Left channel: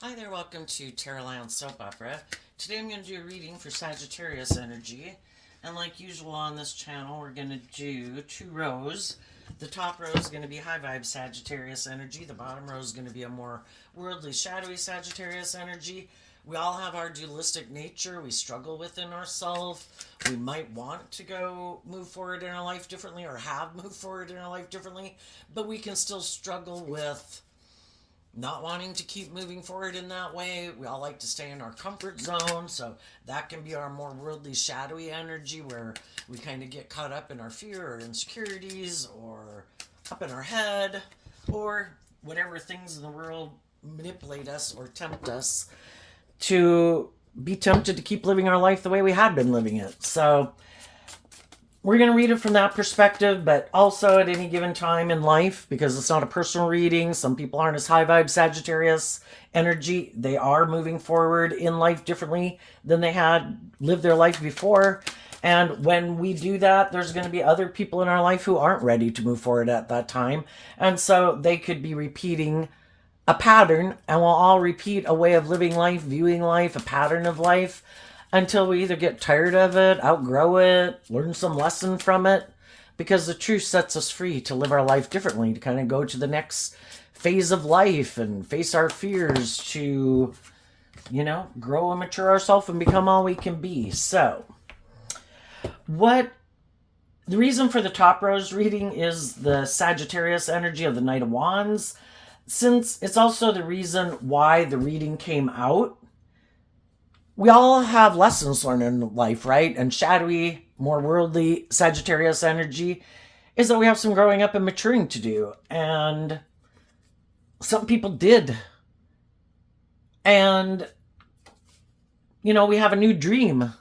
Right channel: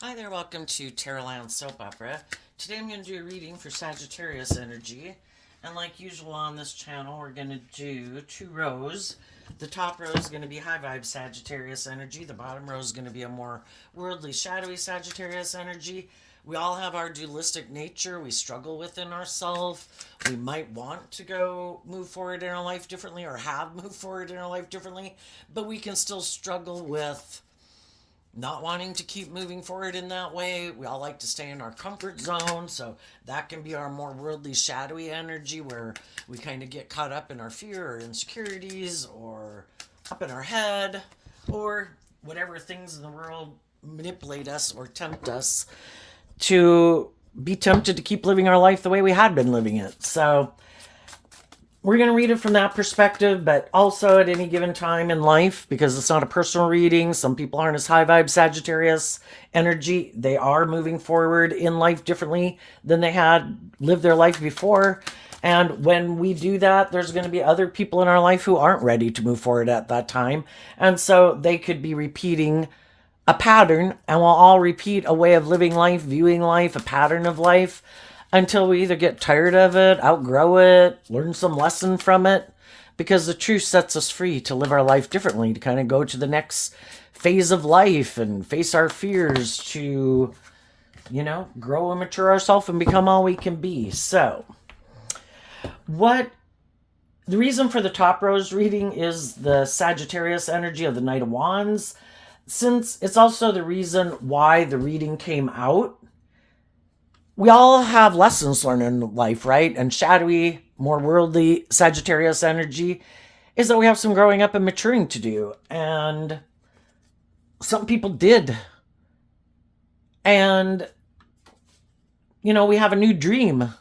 Hi there, welcome to Terraland Soap Opera. Today I'm going to do a reading for Sagittarius energy. And like usual on this channel, we're going to do two rows. The top row is going to be high vibe Sagittarius energy. The bottom row is going to be a more worldly, shadowy Sagittarius energy. We all have our dualistic nature. We struggle within ourselves. We might want to go move forward in our life differently or have moved forward in our life differently, but we can still struggle with not wanting to keep moving forward in that way. We all like to stay in our comfort zone, so that can be our more worldly, shadowy energy where we kind of get caught up in our fear or insecurities or up in our head or whatever things in the world manipulate us or tempt us to be tempted to keep living our life the way we had been living it. So we're going to read it from that perspective, but also at any given time in life, because it's not a personal reading. Some people aren't as high vibe Sagittarius energy. They are moving forward in life differently than they had lived their life before. And when we do that, there's going to be other people in our life who aren't ready to move forward at that time. And so they could be repeating a pattern, and we'll all repeat a way of living life, viewing life, a pattern of life until we either get tired of it, outgrow it, learn some lesson from it, because the truth sets us free to live our life differently, to kind of go to the next phase of life and face our fears, to, grow and mature ourselves and become all we can be. So, what the reason for the top rose reading is the Sagittarius energy of the Knight of Wands, since it's also the reason why the reading came out. We all have lessons learned in life, right? And shadowy, more worldly Sagittarius energy is that we have some growing up and maturing to do. And some people did. And, we have a new dream.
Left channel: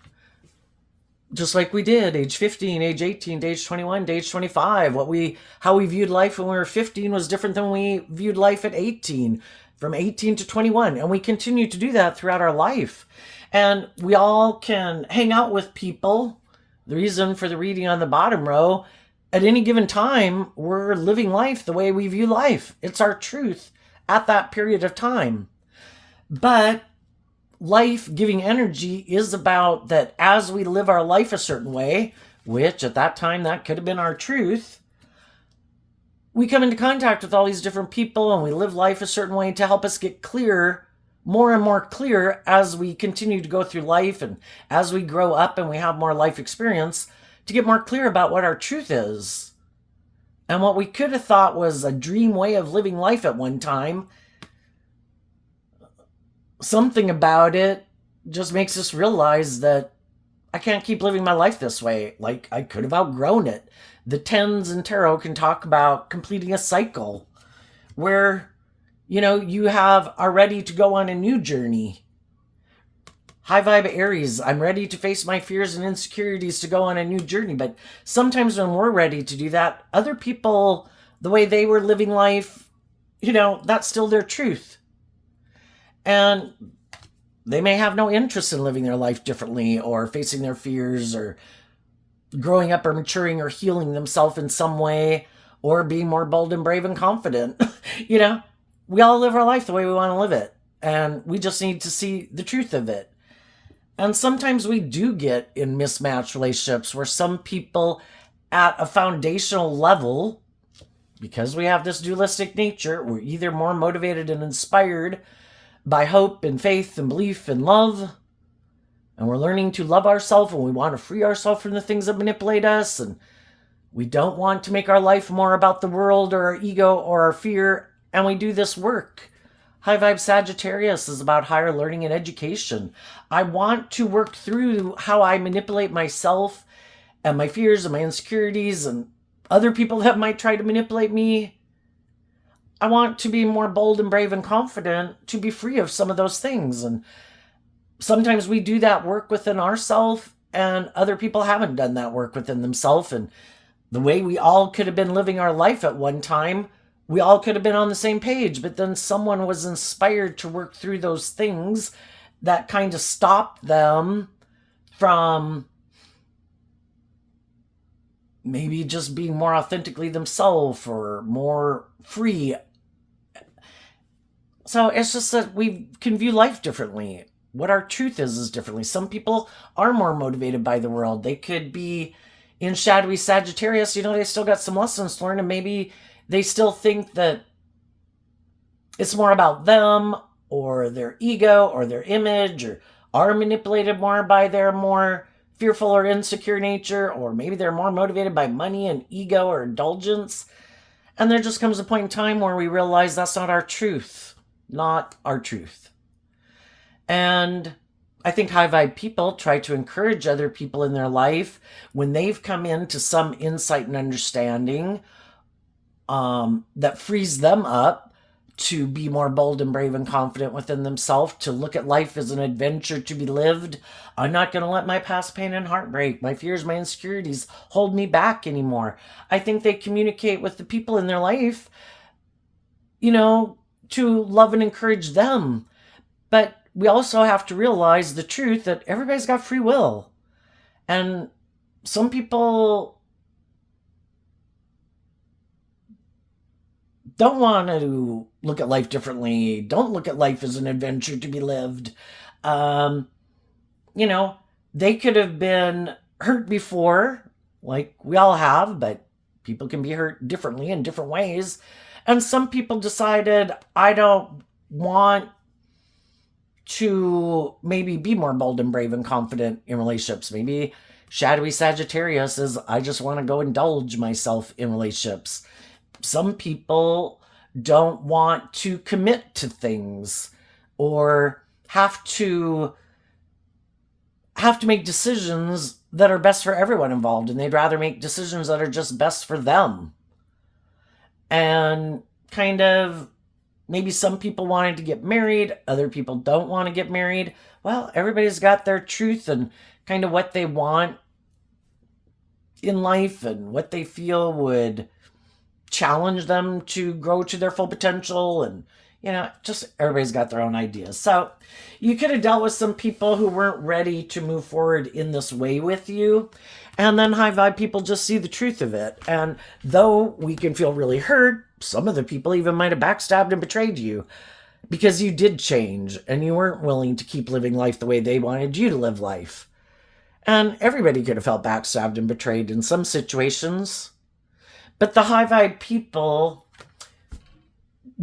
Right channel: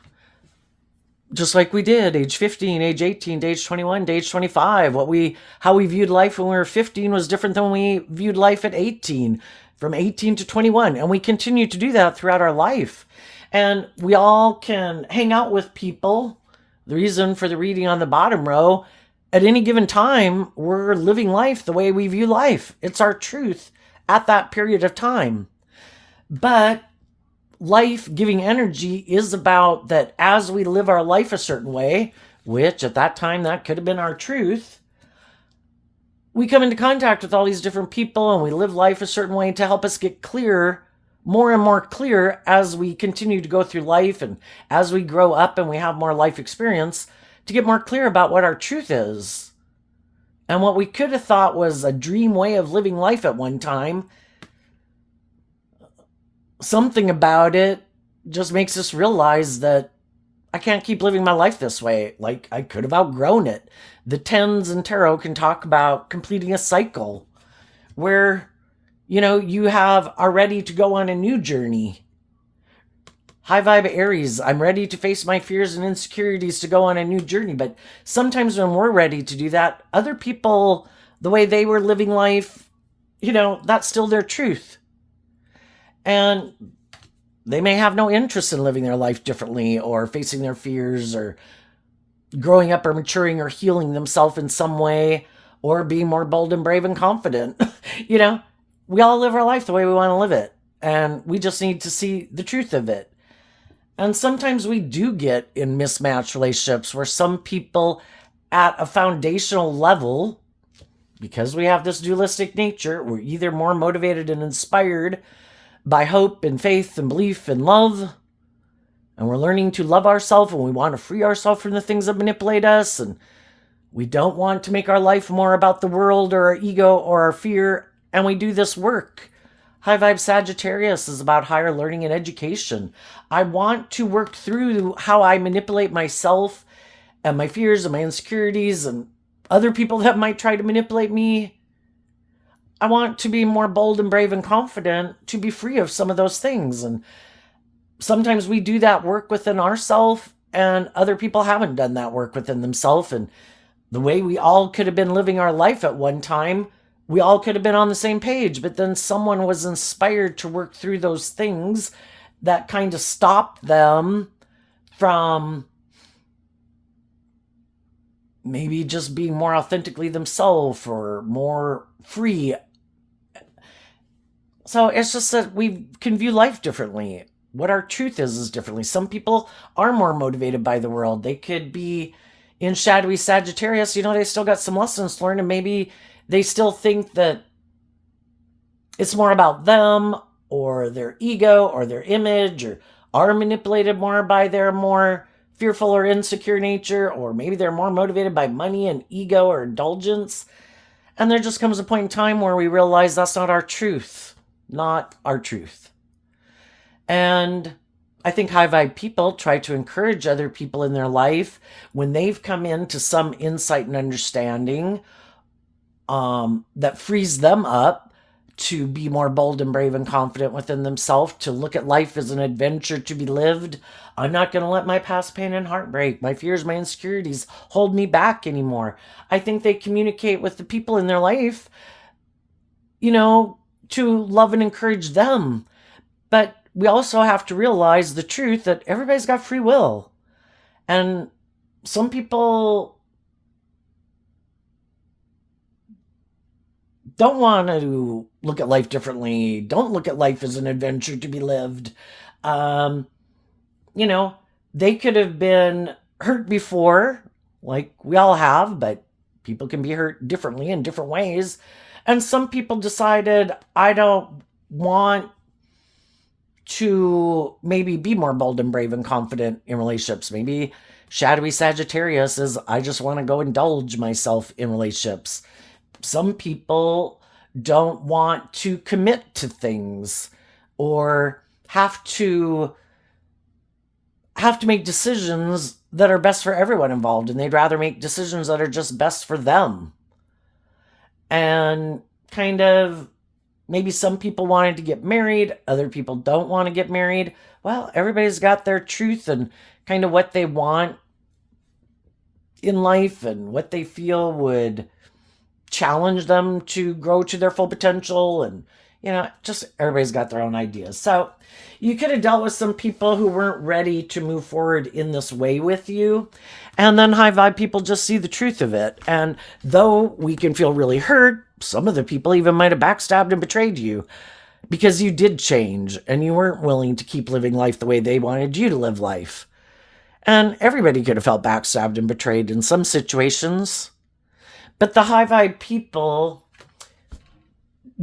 Just like we did, age 15, age 18, age 21, age 25. How we viewed life when we were 15 was different than we viewed life at 18, from 18 to 21. And we continue to do that throughout our life. And we all can hang out with people. The reason for the reading on the bottom row, at any given time, we're living life the way we view life. It's our truth at that period of time. But life giving energy is about that as we live our life a certain way, which at that time that could have been our truth, we come into contact with all these different people and we live life a certain way to help us get clear, more and more clear as we continue to go through life and as we grow up and we have more life experience, to get more clear about what our truth is. And what we could have thought was a dream way of living life at one time, something about it just makes us realize that I can't keep living my life this way. Like, I could have outgrown it. The tens and tarot can talk about completing a cycle where, you are ready to go on a new journey. High vibe Aries, I'm ready to face my fears and insecurities to go on a new journey. But sometimes when we're ready to do that, other people, the way they were living life, that's still their truth. And they may have no interest in living their life differently or facing their fears or growing up or maturing or healing themselves in some way or being more bold and brave and confident. We all live our life the way we want to live it. And we just need to see the truth of it. And sometimes we do get in mismatched relationships where some people at a foundational level, because we have this dualistic nature, we're either more motivated and inspired by hope and faith and belief and love, and we're learning to love ourselves and we want to free ourselves from the things that manipulate us, and we don't want to make our life more about the world or our ego or our fear, and we do this work. High vibe Sagittarius is about higher learning and education. I want to work through how I manipulate myself and my fears and my insecurities and other people that might try to manipulate me. I want to be more bold and brave and confident to be free of some of those things. And sometimes we do that work within ourselves and other people haven't done that work within themselves. And the way we all could have been living our life at one time, we all could have been on the same page, but then someone was inspired to work through those things that kind of stopped them from maybe just being more authentically themselves or more free So it's just that we can view life differently. What our truth is differently. Some people are more motivated by the world. They could be in shadowy Sagittarius, they still got some lessons to learn, and maybe they still think that it's more about them or their ego or their image, or are manipulated more by their more fearful or insecure nature, or maybe they're more motivated by money and ego or indulgence. And there just comes a point in time where we realize that's not our truth. Not our truth. And I think high vibe people try to encourage other people in their life when they've come into some insight and understanding that frees them up to be more bold and brave and confident within themselves, to look at life as an adventure to be lived. I'm not going to let my past pain and heartbreak, my fears, my insecurities hold me back anymore. I think they communicate with the people in their life, to love and encourage them. But we also have to realize the truth that everybody's got free will. And some people don't want to look at life differently, don't look at life as an adventure to be lived. They could have been hurt before, like we all have, but people can be hurt differently in different ways. And some people decided, I don't want to maybe be more bold and brave and confident in relationships. Maybe shadowy Sagittarius is, I just want to go indulge myself in relationships. Some people don't want to commit to things or have to make decisions that are best for everyone involved, and they'd rather make decisions that are just best for them. And kind of, maybe some people wanted to get married, other people don't want to get married. Well, everybody's got their truth and kind of what they want in life and what they feel would challenge them to grow to their full potential. And just everybody's got their own ideas. So you could have dealt with some people who weren't ready to move forward in this way with you, and then high vibe people just see the truth of it. And though we can feel really hurt, some of the people even might have backstabbed and betrayed you because you did change and you weren't willing to keep living life the way they wanted you to live life. And everybody could have felt backstabbed and betrayed in some situations. But the high vibe people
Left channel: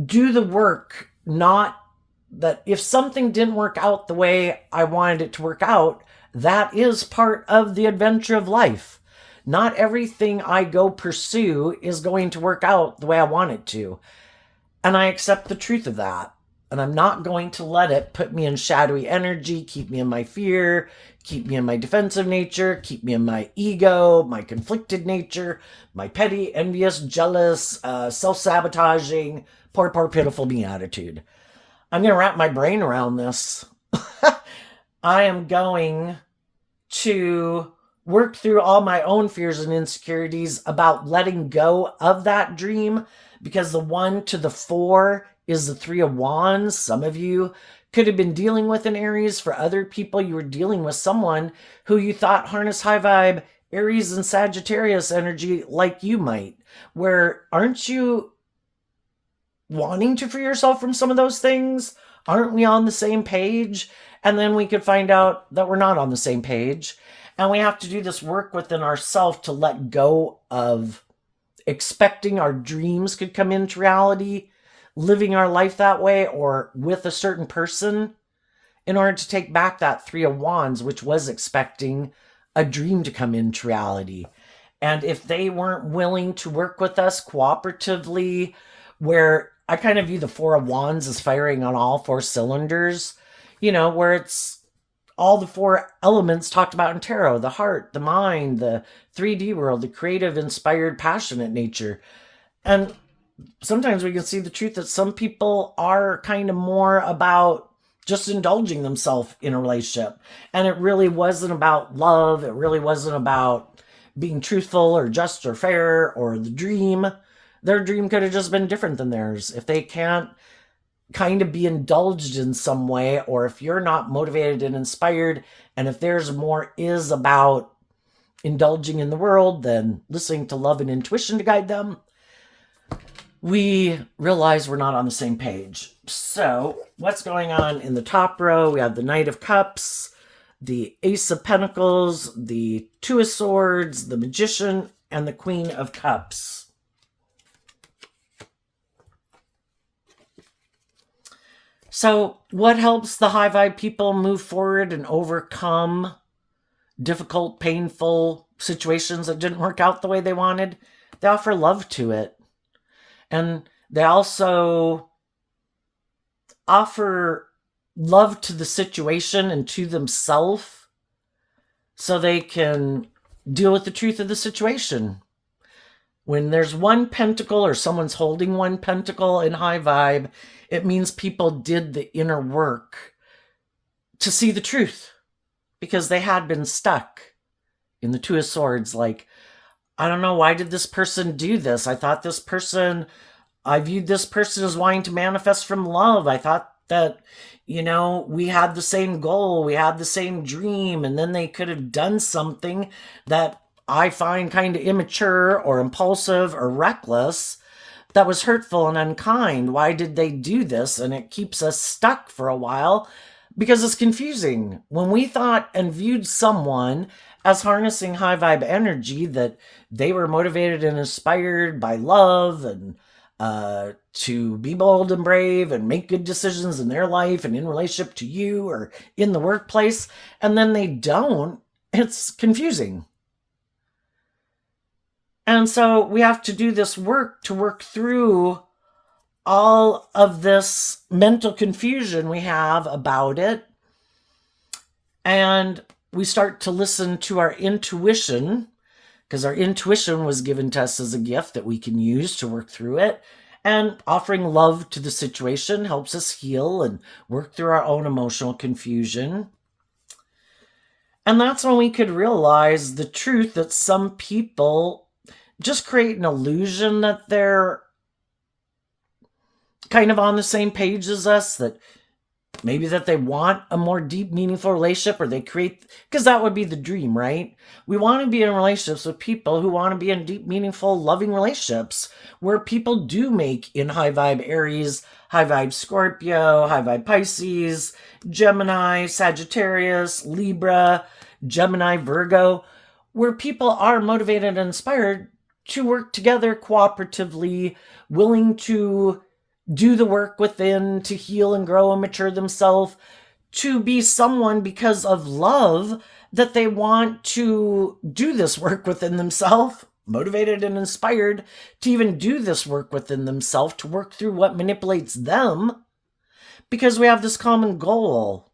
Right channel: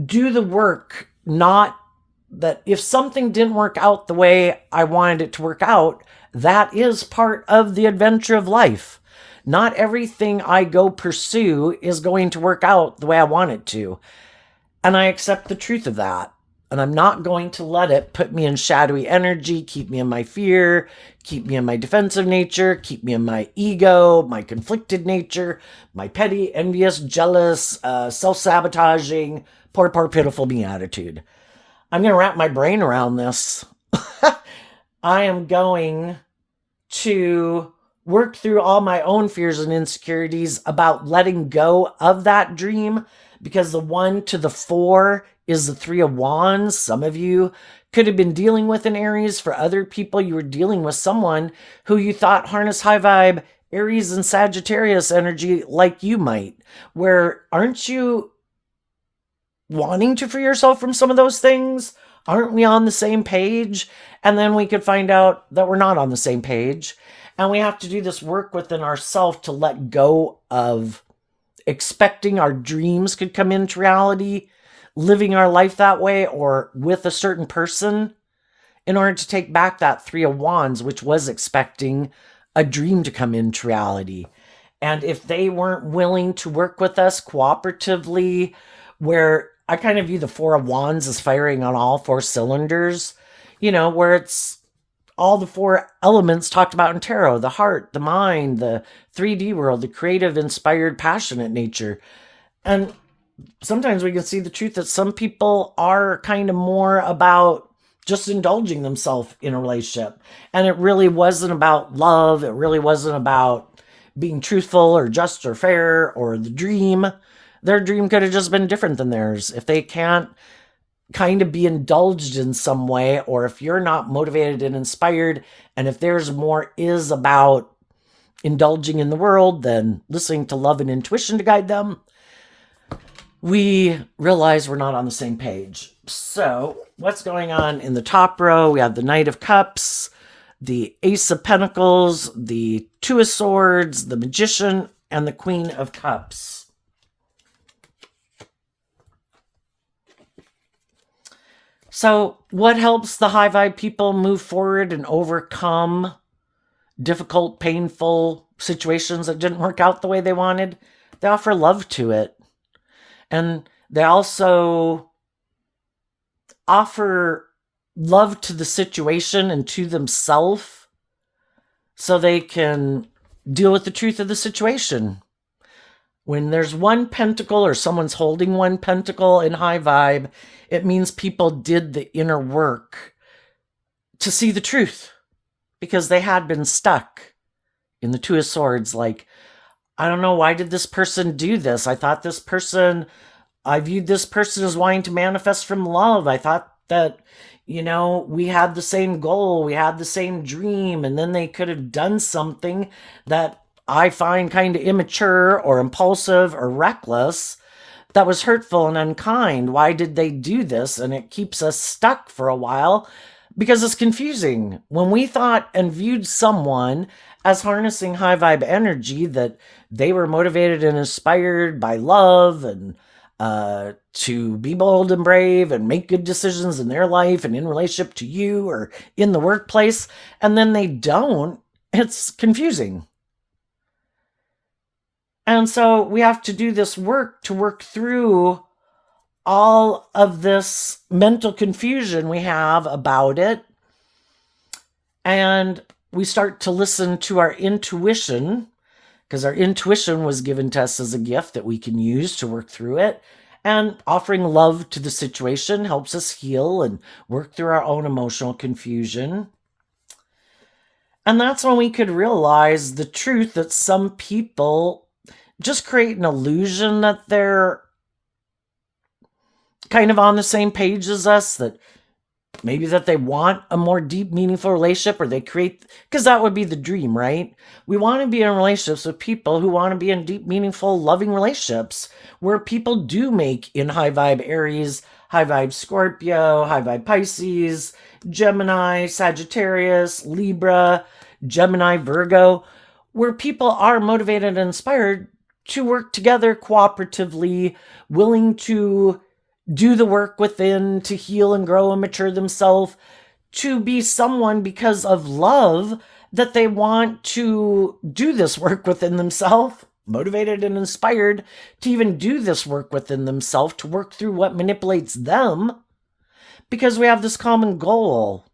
do the work, not that if something didn't work out the way I wanted it to work out, that is part of the adventure of life. Not everything I go pursue is going to work out the way I want it to. And I accept the truth of that. And I'm not going to let it put me in shadowy energy, keep me in my fear, keep me in my defensive nature, keep me in my ego, my conflicted nature, my petty, envious, jealous, self-sabotaging, poor, pitiful me attitude. I'm going to wrap my brain around this. I am going to work through all my own fears and insecurities about letting go of that dream, because the 1 to the 4 is the 3 of Wands. Some of you could have been dealing with in Aries. For other people, you were dealing with someone who you thought harnessed high vibe Aries and Sagittarius energy like you might. Where aren't you wanting to free yourself from some of those things? Aren't we on the same page? And then we could find out that we're not on the same page. And we have to do this work within ourselves to let go of expecting our dreams could come into reality, living our life that way or with a certain person, in order to take back that 3 of Wands, which was expecting a dream to come into reality. And if they weren't willing to work with us cooperatively, where I kind of view the 4 of Wands as firing on all 4 cylinders, where it's all the 4 elements talked about in tarot: the heart, the mind, the 3D world, the creative, inspired, passionate nature. And sometimes we can see the truth that some people are kind of more about just indulging themselves in a relationship. And it really wasn't about love. It really wasn't about being truthful or just or fair or the dream. Their dream could have just been different than theirs. If they can't kind of be indulged in some way, or if you're not motivated and inspired, and if there's more is about indulging in the world than listening to love and intuition to guide them, we realize we're not on the same page. So what's going on in the top row? We have the Knight of Cups, the Ace of Pentacles, the Two of Swords, the Magician, and the Queen of Cups. So what helps the high vibe people move forward and overcome difficult, painful situations that didn't work out the way they wanted? They offer love to it. And they also offer love to the situation and to themselves so they can deal with the truth of the situation. When there's one pentacle or someone's holding one pentacle in high vibe, it means people did the inner work to see the truth because they had been stuck. In the Two of Swords, like, I don't know, why did this person do this? I thought this person, I viewed this person as wanting to manifest from love. I thought that, you know, we had the same goal, we had the same dream, and then they could have done something that I find kind of immature or impulsive or reckless that was hurtful and unkind. Why did they do this? And it keeps us stuck for a while because it's confusing. When we thought and viewed someone as harnessing high vibe energy, that they were motivated and inspired by love and to be bold and brave and make good decisions in their life and in relationship to you or in the workplace, and then they don't, it's confusing. And so we have to do this work to work through all of this mental confusion we have about it. And we start to listen to our intuition, because our intuition was given to us as a gift that we can use to work through it. And offering love to the situation helps us heal and work through our own emotional confusion. And that's when we could realize the truth that some people just create an illusion that they're kind of on the same page as us, that maybe that they want a more deep, meaningful relationship, or they create, because that would be the dream, right? We want to be in relationships with people who want to be in deep, meaningful, loving relationships where people do make in high vibe Aries, high vibe Scorpio, high vibe Pisces, Gemini, Sagittarius, Libra, Gemini, Virgo, where people are motivated and inspired to work together cooperatively, willing to do the work within, to heal and grow and mature themselves, to be someone because of love, that they want to do this work within themselves, motivated and inspired to even do this work within themselves, to work through what manipulates them, because we have this common goal.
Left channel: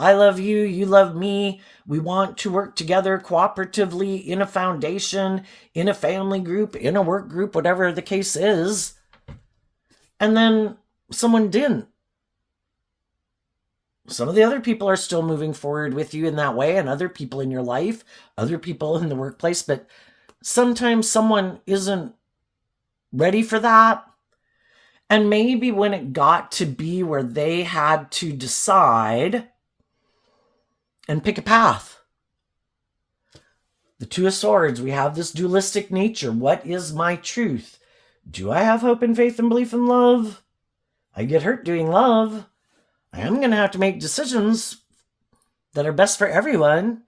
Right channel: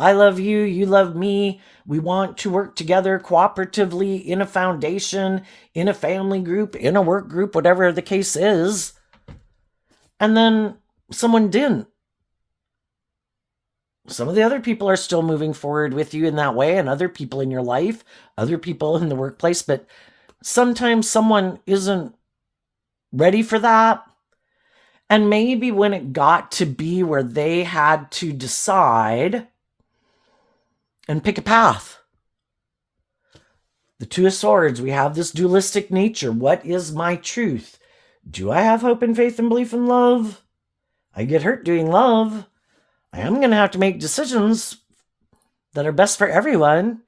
I love you, you love me. We want to work together cooperatively in a foundation, in a family group, in a work group, whatever the case is. And then someone didn't. Some of the other people are still moving forward with you in that way, and other people in your life, other people in the workplace, but sometimes someone isn't ready for that. And maybe when it got to be where they had to decide and pick a path. The Two of Swords, we have this dualistic nature. What is my truth? Do I have hope and faith and belief in love? I get hurt doing love. I am going to have to make decisions that are best for everyone.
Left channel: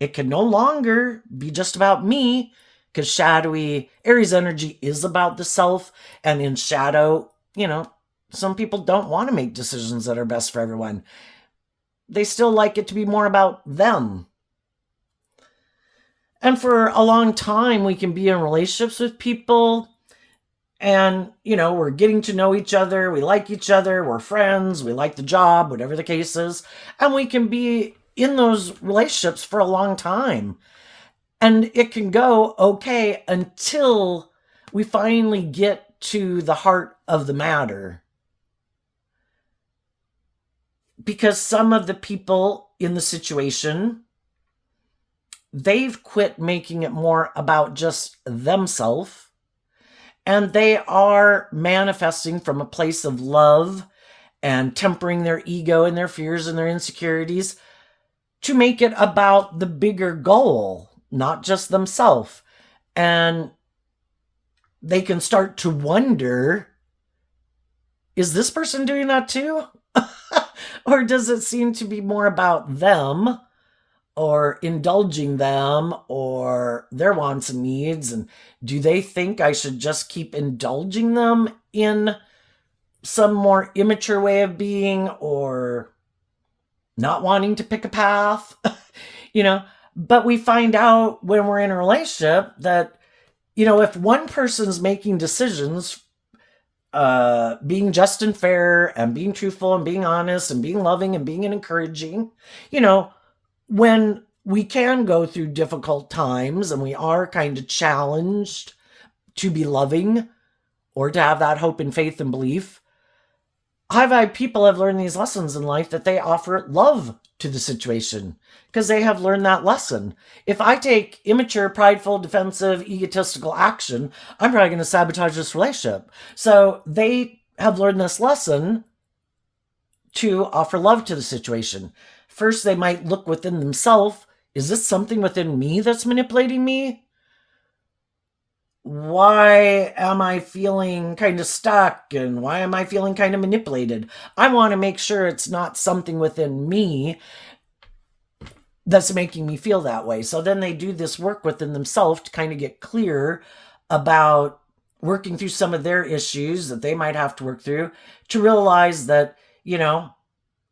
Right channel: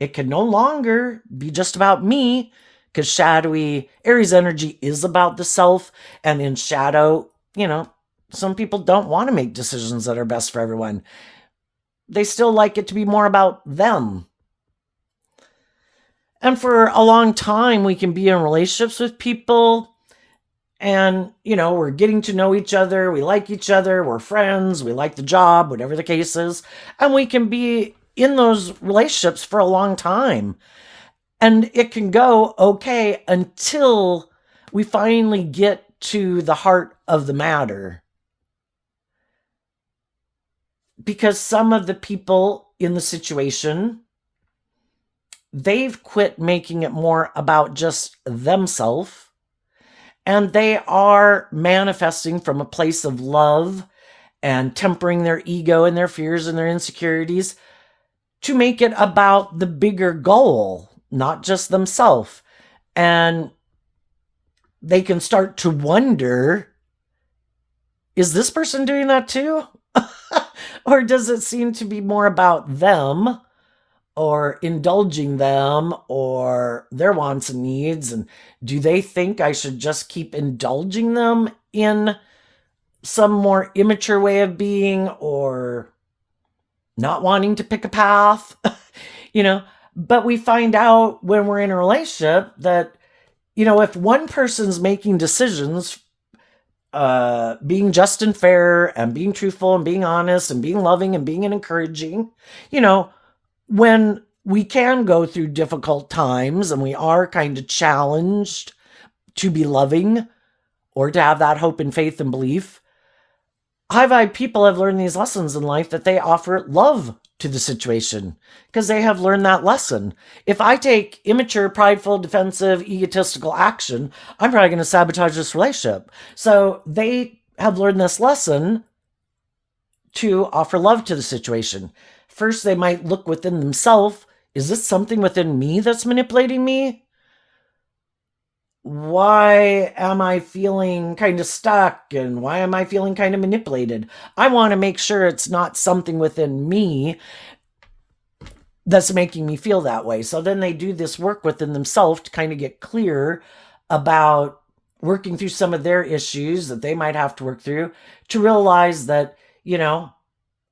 It can no longer be just about me, because shadowy Aries energy is about the self. And in shadow, you know, some people don't want to make decisions that are best for everyone. They still like it to be more about them. And for a long time, we can be in relationships with people and, you know, we're getting to know each other. We like each other. We're friends. We like the job, whatever the case is. And we can be in those relationships for a long time. And it can go okay until we finally get to the heart of the matter. Because some of the people in the situation, they've quit making it more about just themselves. And they are manifesting from a place of love and tempering their ego and their fears and their insecurities to make it about the bigger goal, not just themselves. And they can start to wonder, is this person doing that too? Or does it seem to be more about them or indulging them or their wants and needs? And do they think I should just keep indulging them in some more immature way of being or not wanting to pick a path? you know, but we find out when we're in a relationship that, if one person's making decisions, being just and fair and being truthful and being honest and being loving and being encouraging, you know, when we can go through difficult times and we are kind of challenged to be loving or to have that hope and faith and belief, high vibe people have learned these lessons in life that they offer love to the situation because they have learned that lesson. If I take immature, prideful, defensive, egotistical action, I'm probably going to sabotage this relationship. So they have learned this lesson to offer love to the situation. First, they might look within themselves. Is this something within me that's manipulating me? Why am I feeling kind of stuck and why am I feeling kind of manipulated? I want to make sure it's not something within me that's making me feel that way. So then they do this work within themselves to kind of get clear about working through some of their issues that they might have to work through to realize that,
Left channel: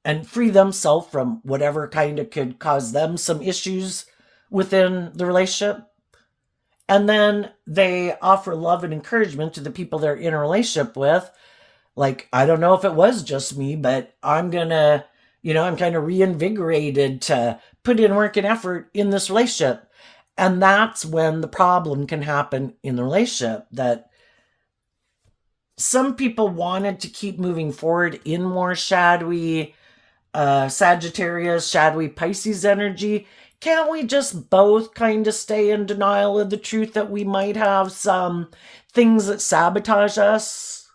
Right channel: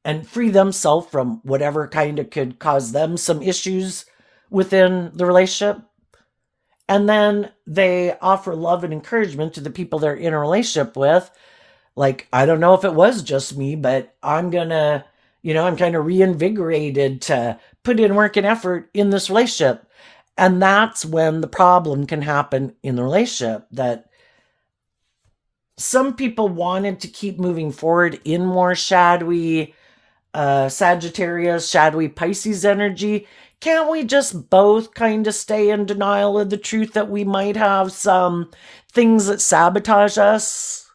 and free themselves from whatever kind of could cause them some issues within the relationship. And then they offer love and encouragement to the people they're in a relationship with. Like, I don't know if it was just me, but I'm kind of reinvigorated to put in work and effort in this relationship. And that's when the problem can happen in the relationship, that some people wanted to keep moving forward in more shadowy Sagittarius, shadowy Pisces energy. Can't we just both kind of stay in denial of the truth that we might have some things that sabotage us?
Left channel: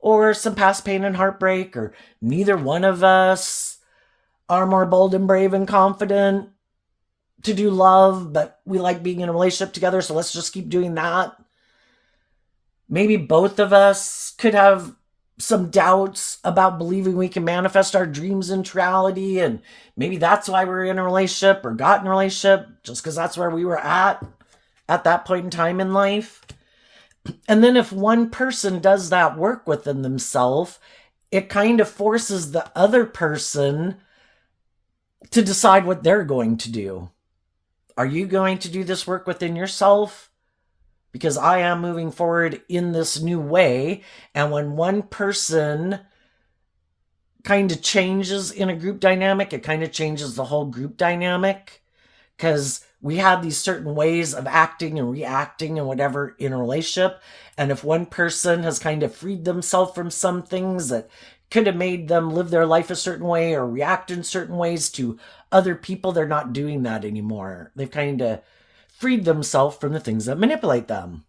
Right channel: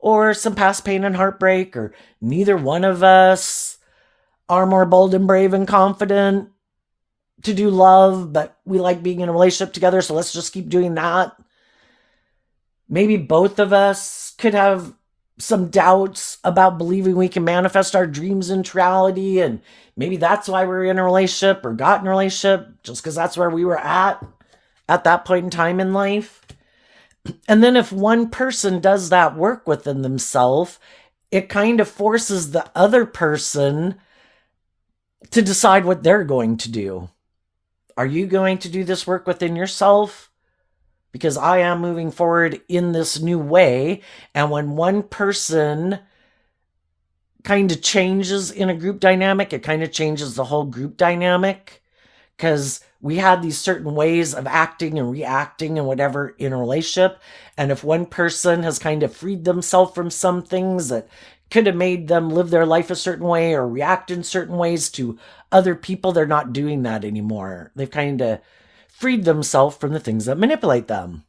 Or some past pain and heartbreak? Or neither one of us are more bold and brave and confident to do love, but we like being in a relationship together, so let's just keep doing that. Maybe both of us could have some doubts about believing we can manifest our dreams into reality, and maybe that's why we're in a relationship or got in a relationship, just because that's where we were at that point in time in life. And then if one person does that work within themselves, it kind of forces the other person to decide what they're going to do. Are you going to do this work within yourself? Because I am moving forward in this new way. And when one person kind of changes in a group dynamic, it kind of changes the whole group dynamic. Because we have these certain ways of acting and reacting and whatever in a relationship. And if one person has kind of freed themselves from some things that could have made them live their life a certain way or react in certain ways to other people, they're not doing that anymore. They've kind of freed themselves from the things that manipulate them.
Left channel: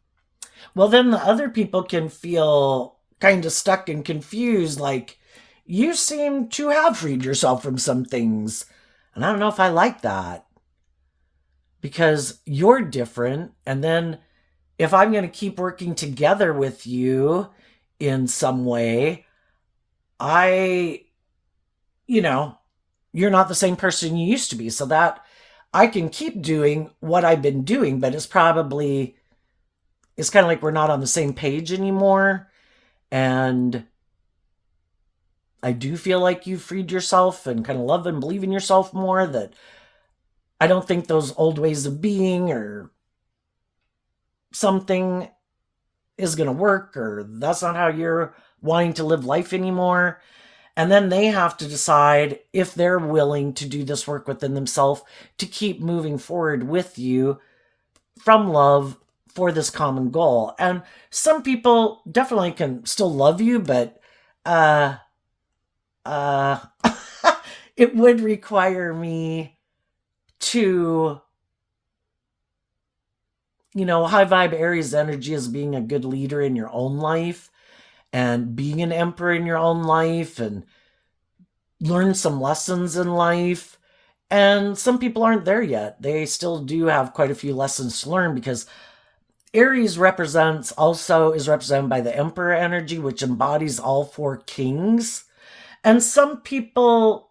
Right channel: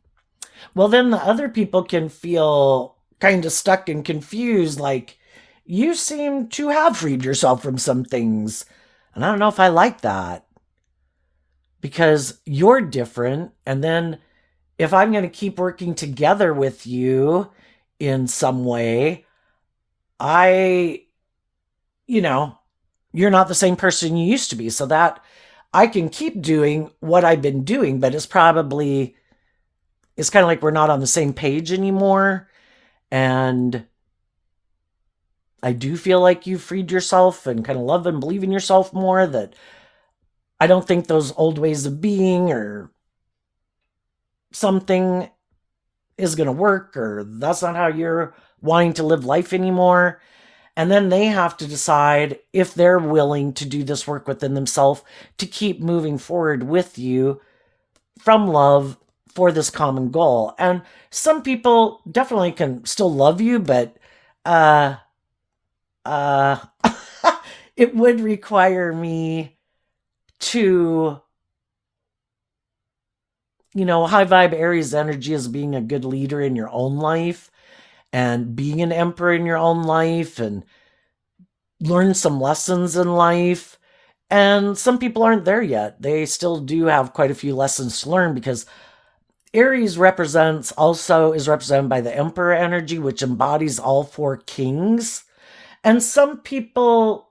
Well, then the other people can feel kind of stuck and confused, like, you seem to have freed yourself from some things. And I don't know if I like that, because you're different. And then if I'm going to keep working together with you in some way, you're not the same person you used to be. So that I can keep doing what I've been doing, but it's kind of like we're not on the same page anymore. And I do feel like you've freed yourself and kind of love and believe in yourself more, that I don't think those old ways of being or something is going to work, or that's not how you're wanting to live life anymore. And then they have to decide if they're willing to do this work within themselves to keep moving forward with you from love for this common goal. And some people definitely can still love you, but uh uh it would require me to, high vibe Aries energy is being a good leader in your own life and being an emperor in your own life and learn some lessons in life. And some people aren't there yet. They still do have quite a few lessons to learn, because Aries is represented by the Emperor energy, which embodies all four kings. And some people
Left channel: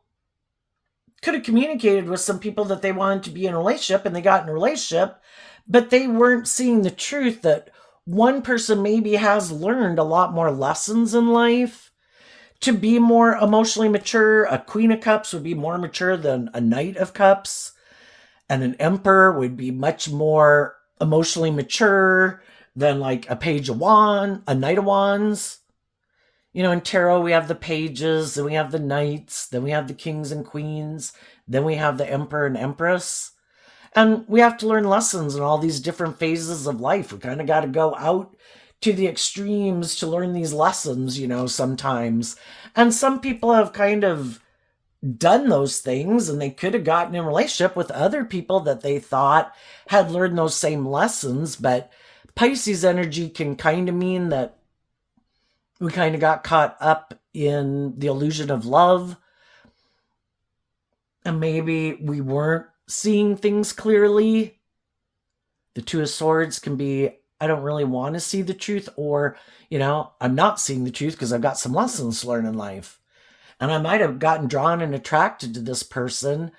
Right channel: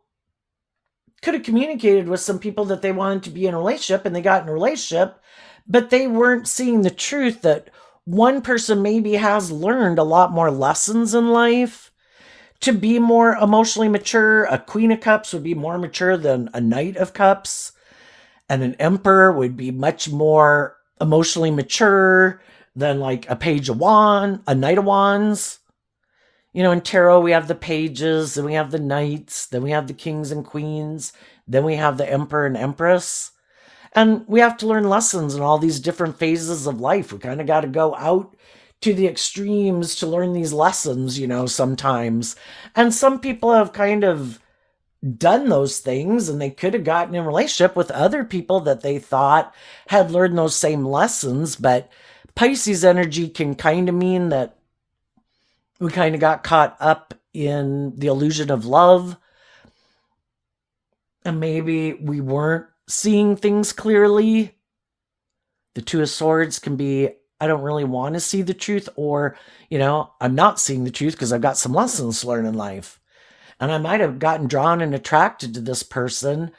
could have communicated with some people that they wanted to be in a relationship, and they got in a relationship, but they weren't seeing the truth that one person maybe has learned a lot more lessons in life to be more emotionally mature. A Queen of Cups would be more mature than a Knight of Cups, and an Emperor would be much more emotionally mature than like a Page of Wands, a Knight of Wands. In tarot, we have the pages, then we have the knights, then we have the kings and queens, then we have the emperor and empress. And we have to learn lessons in all these different phases of life. We kind of got to go out to the extremes to learn these lessons, sometimes. And some people have kind of done those things, and they could have gotten in a relationship with other people that they thought had learned those same lessons. But Pisces energy can kind of mean that we kind of got caught up in the illusion of love, and maybe we weren't seeing things clearly. The Two of Swords can be, I don't really want to see the truth, or, I'm not seeing the truth because I've got some lessons to learn in life. And I might have gotten drawn and attracted to this person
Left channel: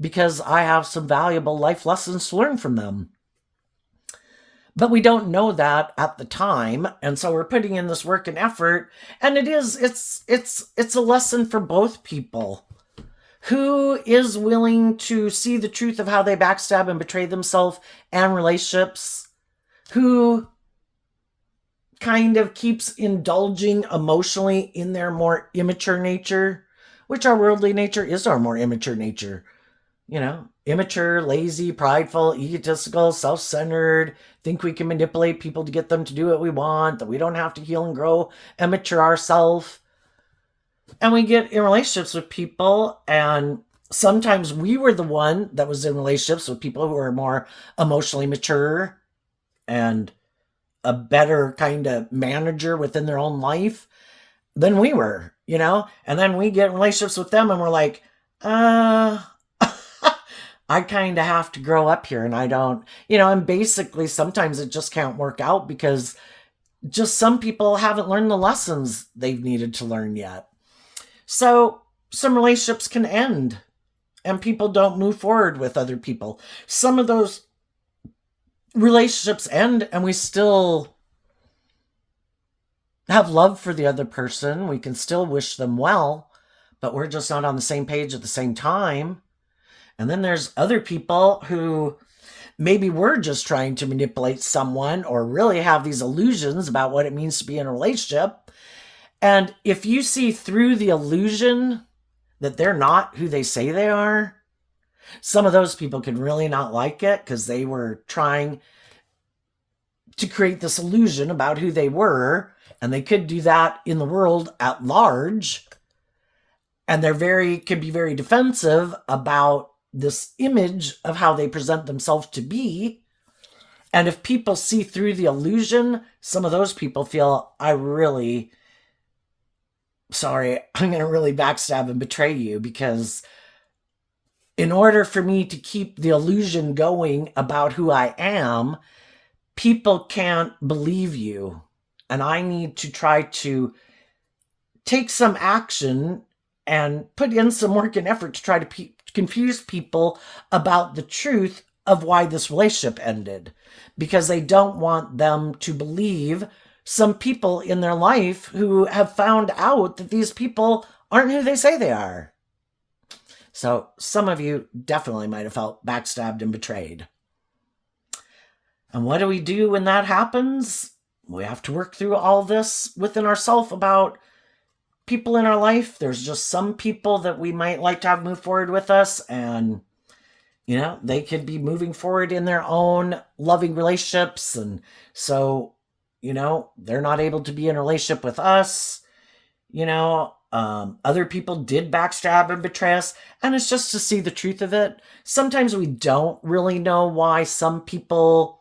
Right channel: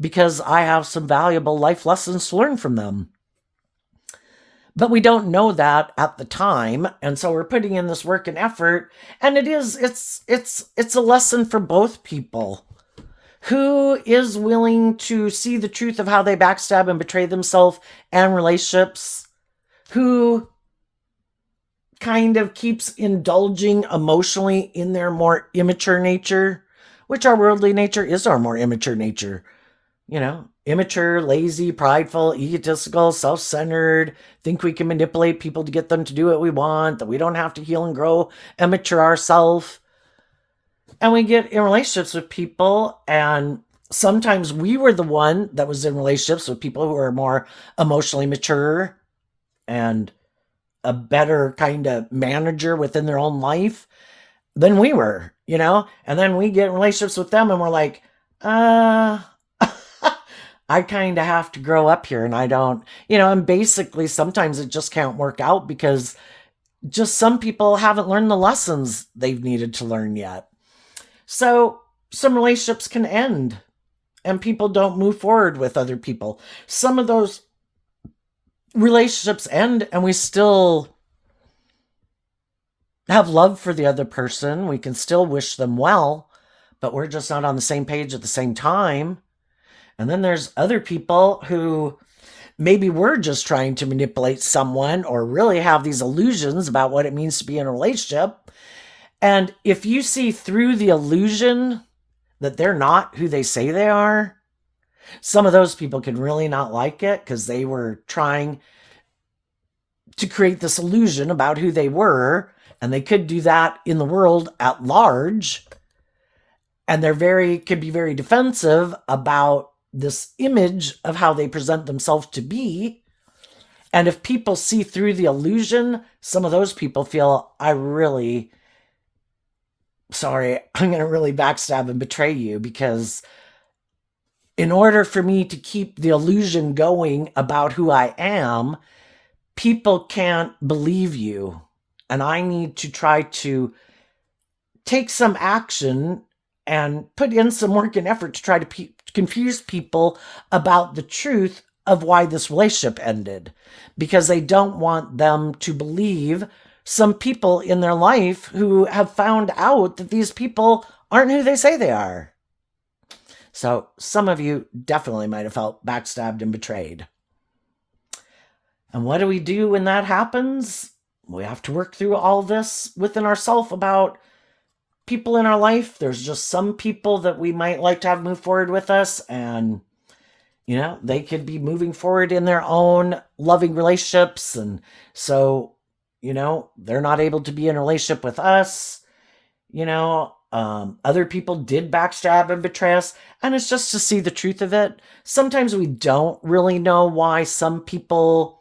because I have some valuable life lessons to learn from them. But we don't know that at the time, and so we're putting in this work and effort, and it's a lesson for both people. Who is willing to see the truth of how they backstab and betray themselves and relationships? Who kind of keeps indulging emotionally in their more immature nature, which our worldly nature is our more immature nature. Immature, lazy, prideful, egotistical, self-centered, think we can manipulate people to get them to do what we want, that we don't have to heal and grow and mature ourselves. And we get in relationships with people, and sometimes we were the one that was in relationships with people who are more emotionally mature and a better kind of manager within their own life than we were, And then we get in relationships with them, and we're like, I kind of have to grow up here, and I don't, and basically sometimes it just can't work out because just some people haven't learned the lessons they've needed to learn yet. So some relationships can end and people don't move forward with other people. Some of those relationships end and we still have love for the other person. We can still wish them well, but we're just not on the same page at the same time. And then there's other people who maybe we're just trying to manipulate someone or really have these illusions about what it means to be in a relationship. And if you see through the illusion that they're not who they say they are, some of those people can really not like it because they were trying to create this illusion about who they were, and they could do that in the world at large. And can be very defensive about this image of how they present themselves to be. And if people see through the illusion, some of those people feel, I'm going to really backstab and betray you, because in order for me to keep the illusion going about who I am, people can't believe you. And I need to try to take some action and put in some work and effort to try to confuse people about the truth of why this relationship ended, because they don't want them to believe some people in their life who have found out that these people aren't who they say they are. So some of you definitely might have felt backstabbed and betrayed. And what do we do when that happens? We have to work through all this within ourselves about people in our life. There's just some people that we might like to have move forward with us, and they could be moving forward in their own loving relationships, and so they're not able to be in a relationship with us. Other people did backstab and betray us, and it's just to see the truth of it. Sometimes we don't really know why some people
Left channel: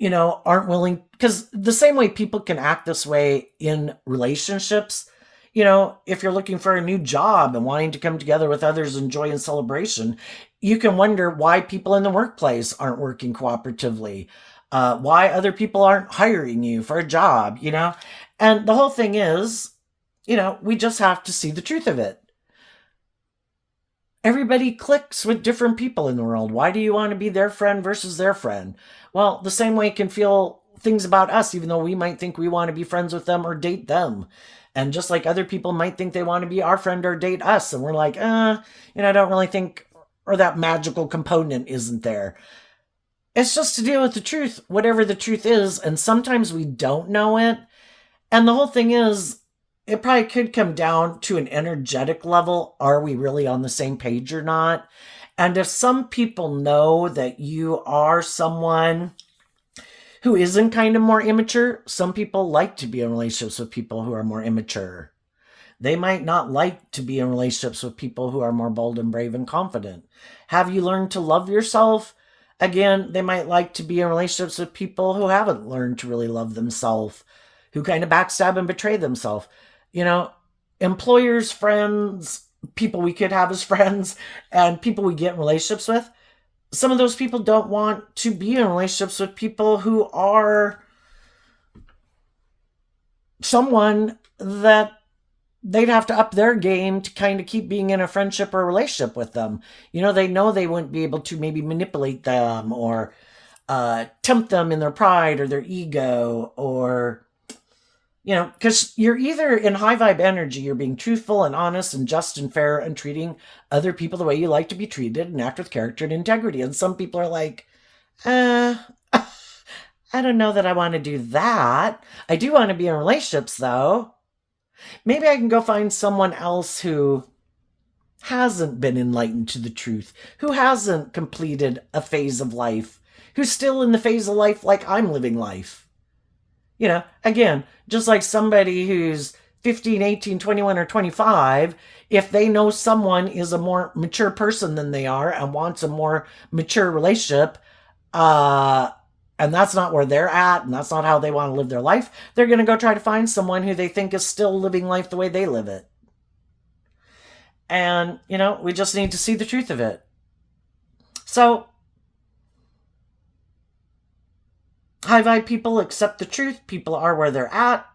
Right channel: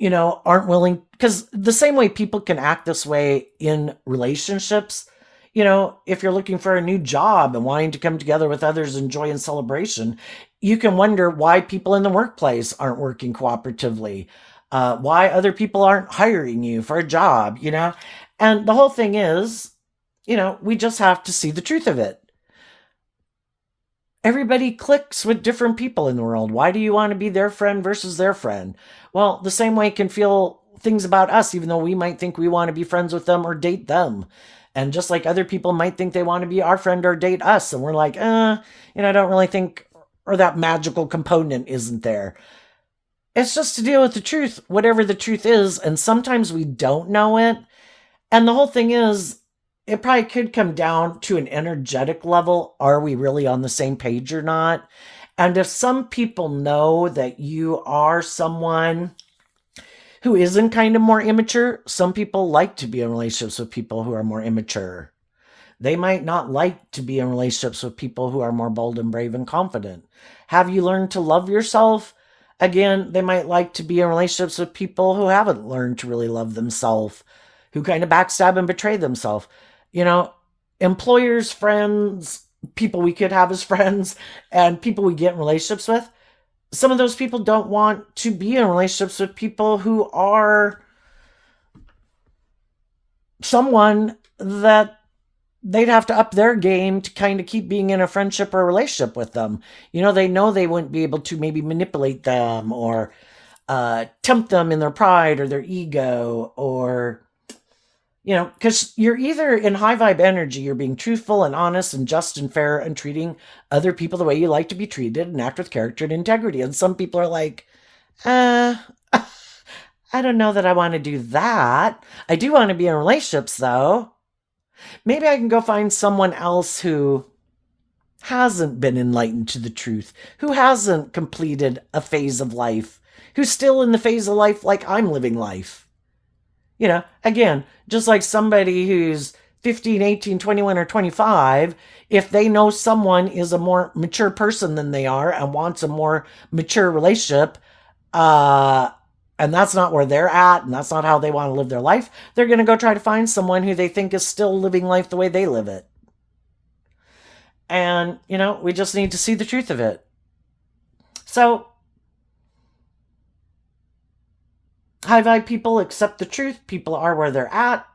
aren't willing, because the same way people can act this way in relationships, if you're looking for a new job and wanting to come together with others in joy and celebration, you can wonder why people in the workplace aren't working cooperatively. why other people aren't hiring you for a job, you know? And the whole thing is, we just have to see the truth of it. Everybody clicks with different people in the world. Why do you want to be their friend versus their friend? Well, the same way can feel things about us, even though we might think we want to be friends with them or date them. And just like other people might think they want to be our friend or date us. And we're like, I don't really think, or that magical component isn't there. It's just to deal with the truth, whatever the truth is. And sometimes we don't know it. And the whole thing is, it probably could come down to an energetic level. Are we really on the same page or not? And if some people know that you are someone who isn't kind of more immature, some people like to be in relationships with people who are more immature. They might not like to be in relationships with people who are more bold and brave and confident. Have you learned to love yourself? Again, they might like to be in relationships with people who haven't learned to really love themselves, who kind of backstab and betray themselves. Employers, friends, people we could have as friends, and people we get in relationships with. Some of those people don't want to be in relationships with people who are someone that they'd have to up their game to kind of keep being in a friendship or a relationship with them. They know they wouldn't be able to maybe manipulate them or tempt them in their pride or their ego, or because you're either in high vibe energy, you're being truthful and honest and just and fair and treating other people the way you like to be treated and act with character and integrity. And some people are like, I don't know that I want to do that. I do want to be in relationships though. Maybe I can go find someone else who hasn't been enlightened to the truth, who hasn't completed a phase of life, who's still in the phase of life like I'm living life. Again, just like somebody who's 15, 18, 21, or 25, if they know someone is a more mature person than they are and wants a more mature relationship, and that's not where they're at, and that's not how they want to live their life, they're going to go try to find someone who they think is still living life the way they live it. And, we just need to see the truth of it. So, high vibe people accept the truth. People are where they're at.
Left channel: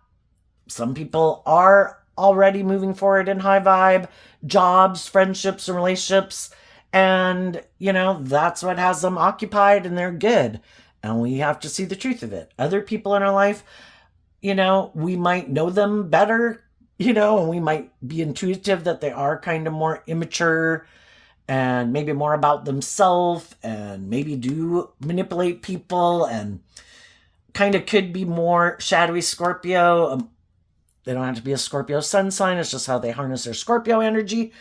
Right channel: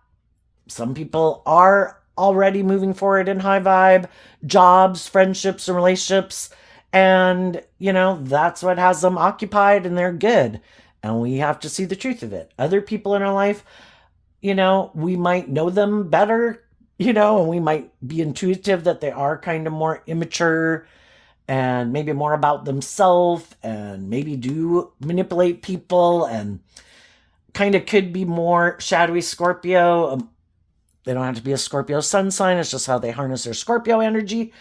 Some people are already moving forward in high vibe, jobs, friendships, and relationships. And, that's what has them occupied, and they're good. And we have to see the truth of it. Other people in our life, we might know them better, and we might be intuitive that they are kind of more immature and maybe more about themselves and maybe do manipulate people and kind of could be more shadowy Scorpio. They don't have to be a Scorpio sun sign. It's just how they harness their Scorpio energy.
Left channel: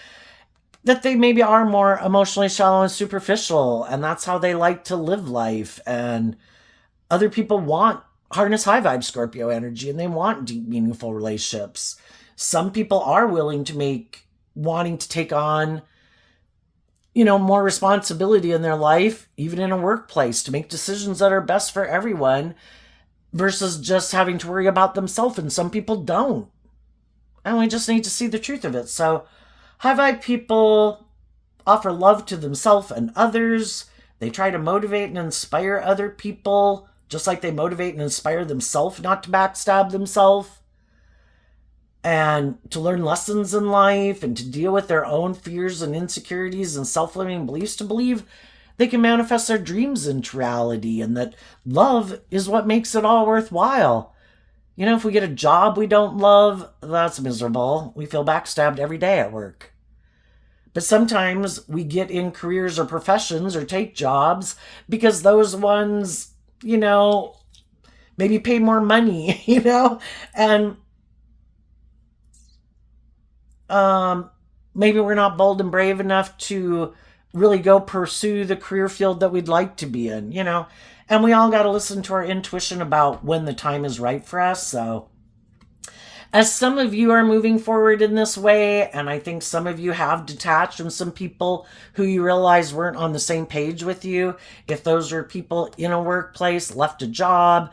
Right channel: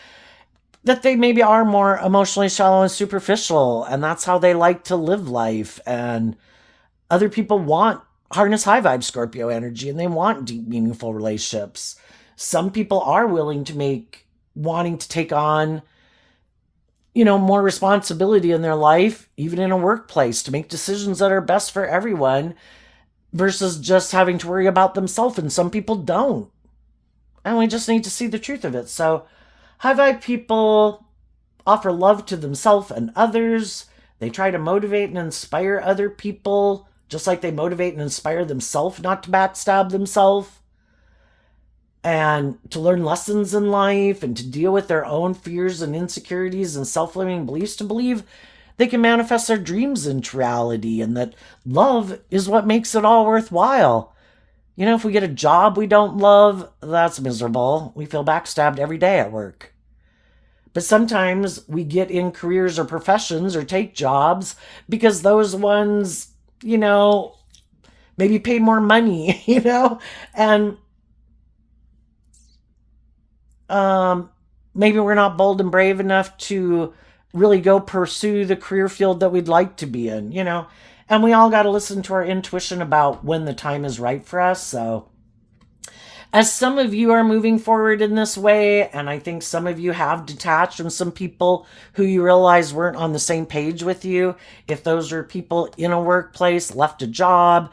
That they maybe are more emotionally shallow and superficial, and that's how they like to live life. And other people harness high vibe Scorpio energy, and they want deep, meaningful relationships. Some people are willing to wanting to take on, more responsibility in their life, even in a workplace, to make decisions that are best for everyone versus just having to worry about themselves. And some people don't. And we just need to see the truth of it. So high vibe people offer love to themselves and others. They try to motivate and inspire other people, just like they motivate and inspire themselves not to backstab themselves, and to learn lessons in life and to deal with their own fears and insecurities and self-limiting beliefs, to believe they can manifest their dreams into reality, and that love is what makes it all worthwhile. If we get a job we don't love, that's miserable. We feel backstabbed every day at work. But sometimes we get in careers or professions or take jobs because those ones, maybe pay more money, and maybe we're not bold and brave enough to really go pursue the career field that we'd like to be in, and we all got to listen to our intuition about when the time is right for us. So as some of you are moving forward in this way, and I think some of you have detached from some people who you realize weren't on the same page with you, if those are people in a workplace, left a job,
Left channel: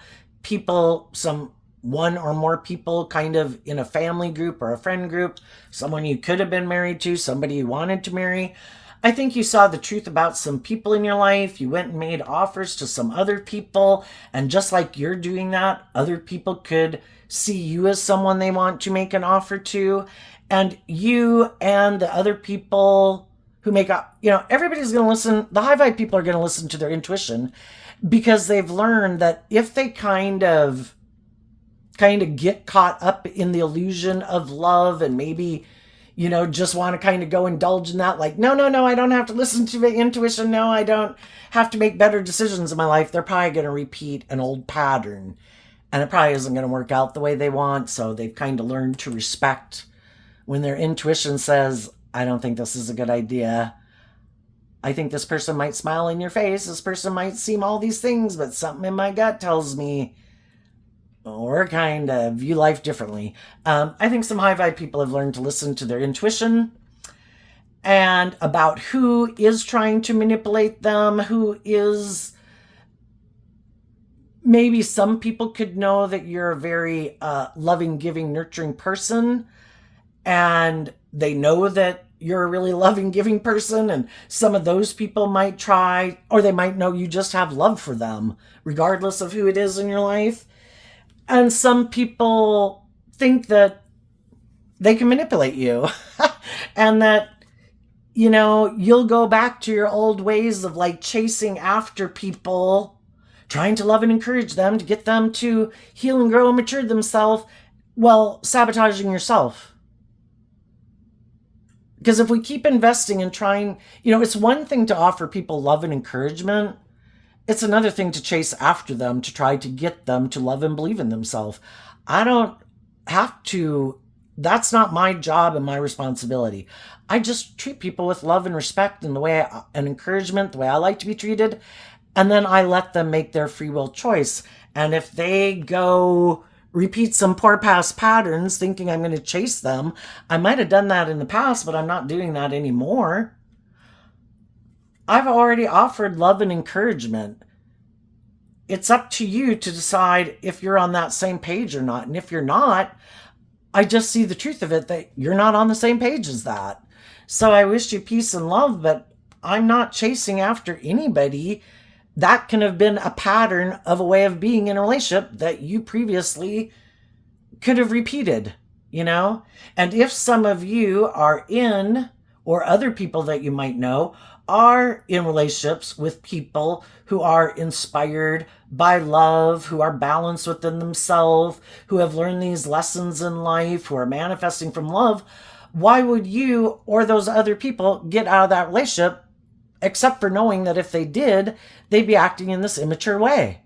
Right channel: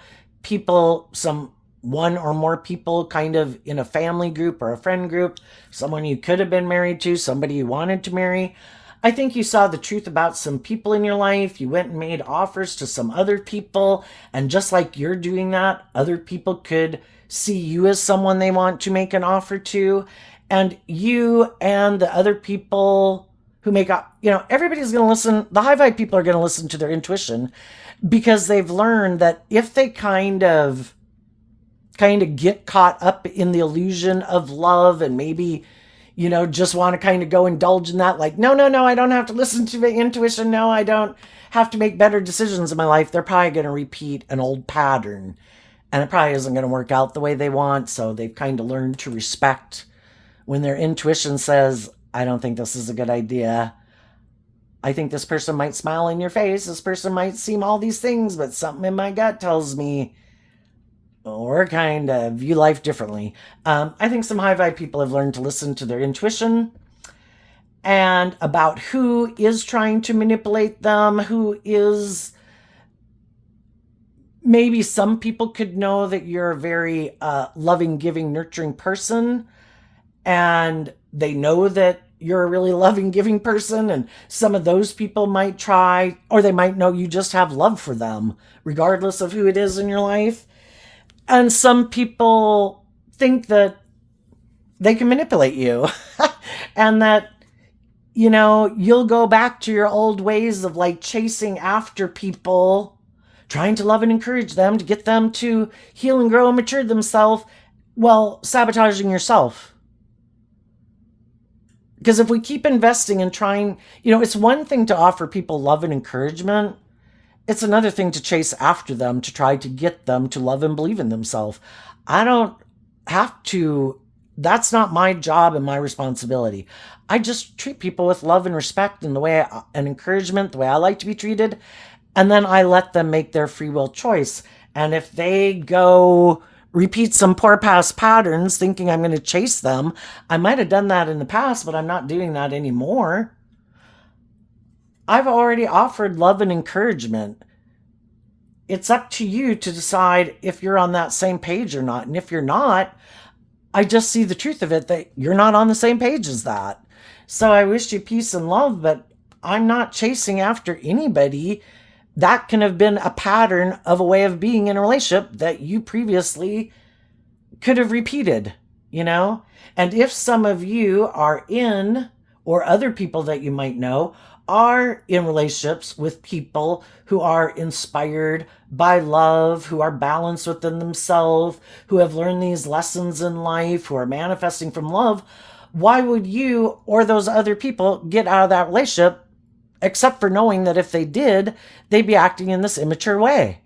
one or more people kind of in a family group or a friend group, someone you could have been married to, somebody you wanted to marry, I think you saw the truth about some people in your life. You went and made offers to some other people. And just like you're doing that, other people could see you as someone they want to make an offer to. And you and the other people who make up, everybody's going to listen. The high vibe people are going to listen to their intuition because they've learned that if they kind of get caught up in the illusion of love and maybe just want to kind of go indulge in that, like, no, I don't have to listen to my intuition. No, I don't have to make better decisions in my life. They're probably going to repeat an old pattern and it probably isn't going to work out the way they want. So they've kind of learned to respect when their intuition says, I don't think this is a good idea. I think this person might smile in your face. This person might seem all these things, but something in my gut tells me or kind of view life differently. I think some high vibe people have learned to listen to their intuition and about who is trying to manipulate them, who is. Maybe some people could know that you're a very loving, giving, nurturing person, and they know that you're a really loving, giving person, and some of those people might try, or they might know you just have love for them, regardless of who it is in your life. And some people think that they can manipulate you and that, you'll go back to your old ways of like chasing after people, trying to love and encourage them to get them to heal and grow and mature themselves while sabotaging yourself. Because if we keep investing and trying, it's one thing to offer people love and encouragement. It's another thing to chase after them to try to get them to love and believe in themselves. I don't have to, that's not my job and my responsibility. I just treat people with love and respect and and encouragement, the way I like to be treated. And then I let them make their free will choice. And if they go repeat some poor past patterns thinking I'm going to chase them, I might have done that in the past, but I'm not doing that anymore. I've already offered love and encouragement. It's up to you to decide if you're on that same page or not. And if you're not, I just see the truth of it, that you're not on the same page as that. So I wish you peace and love, but I'm not chasing after anybody. That can have been a pattern of a way of being in a relationship that you previously could have repeated, And if some of you are in, or other people that you might know, are in relationships with people who are inspired by love, who are balanced within themselves, who have learned these lessons in life, who are manifesting from love, why would you or those other people get out of that relationship, except for knowing that if they did, they'd be acting in this immature way?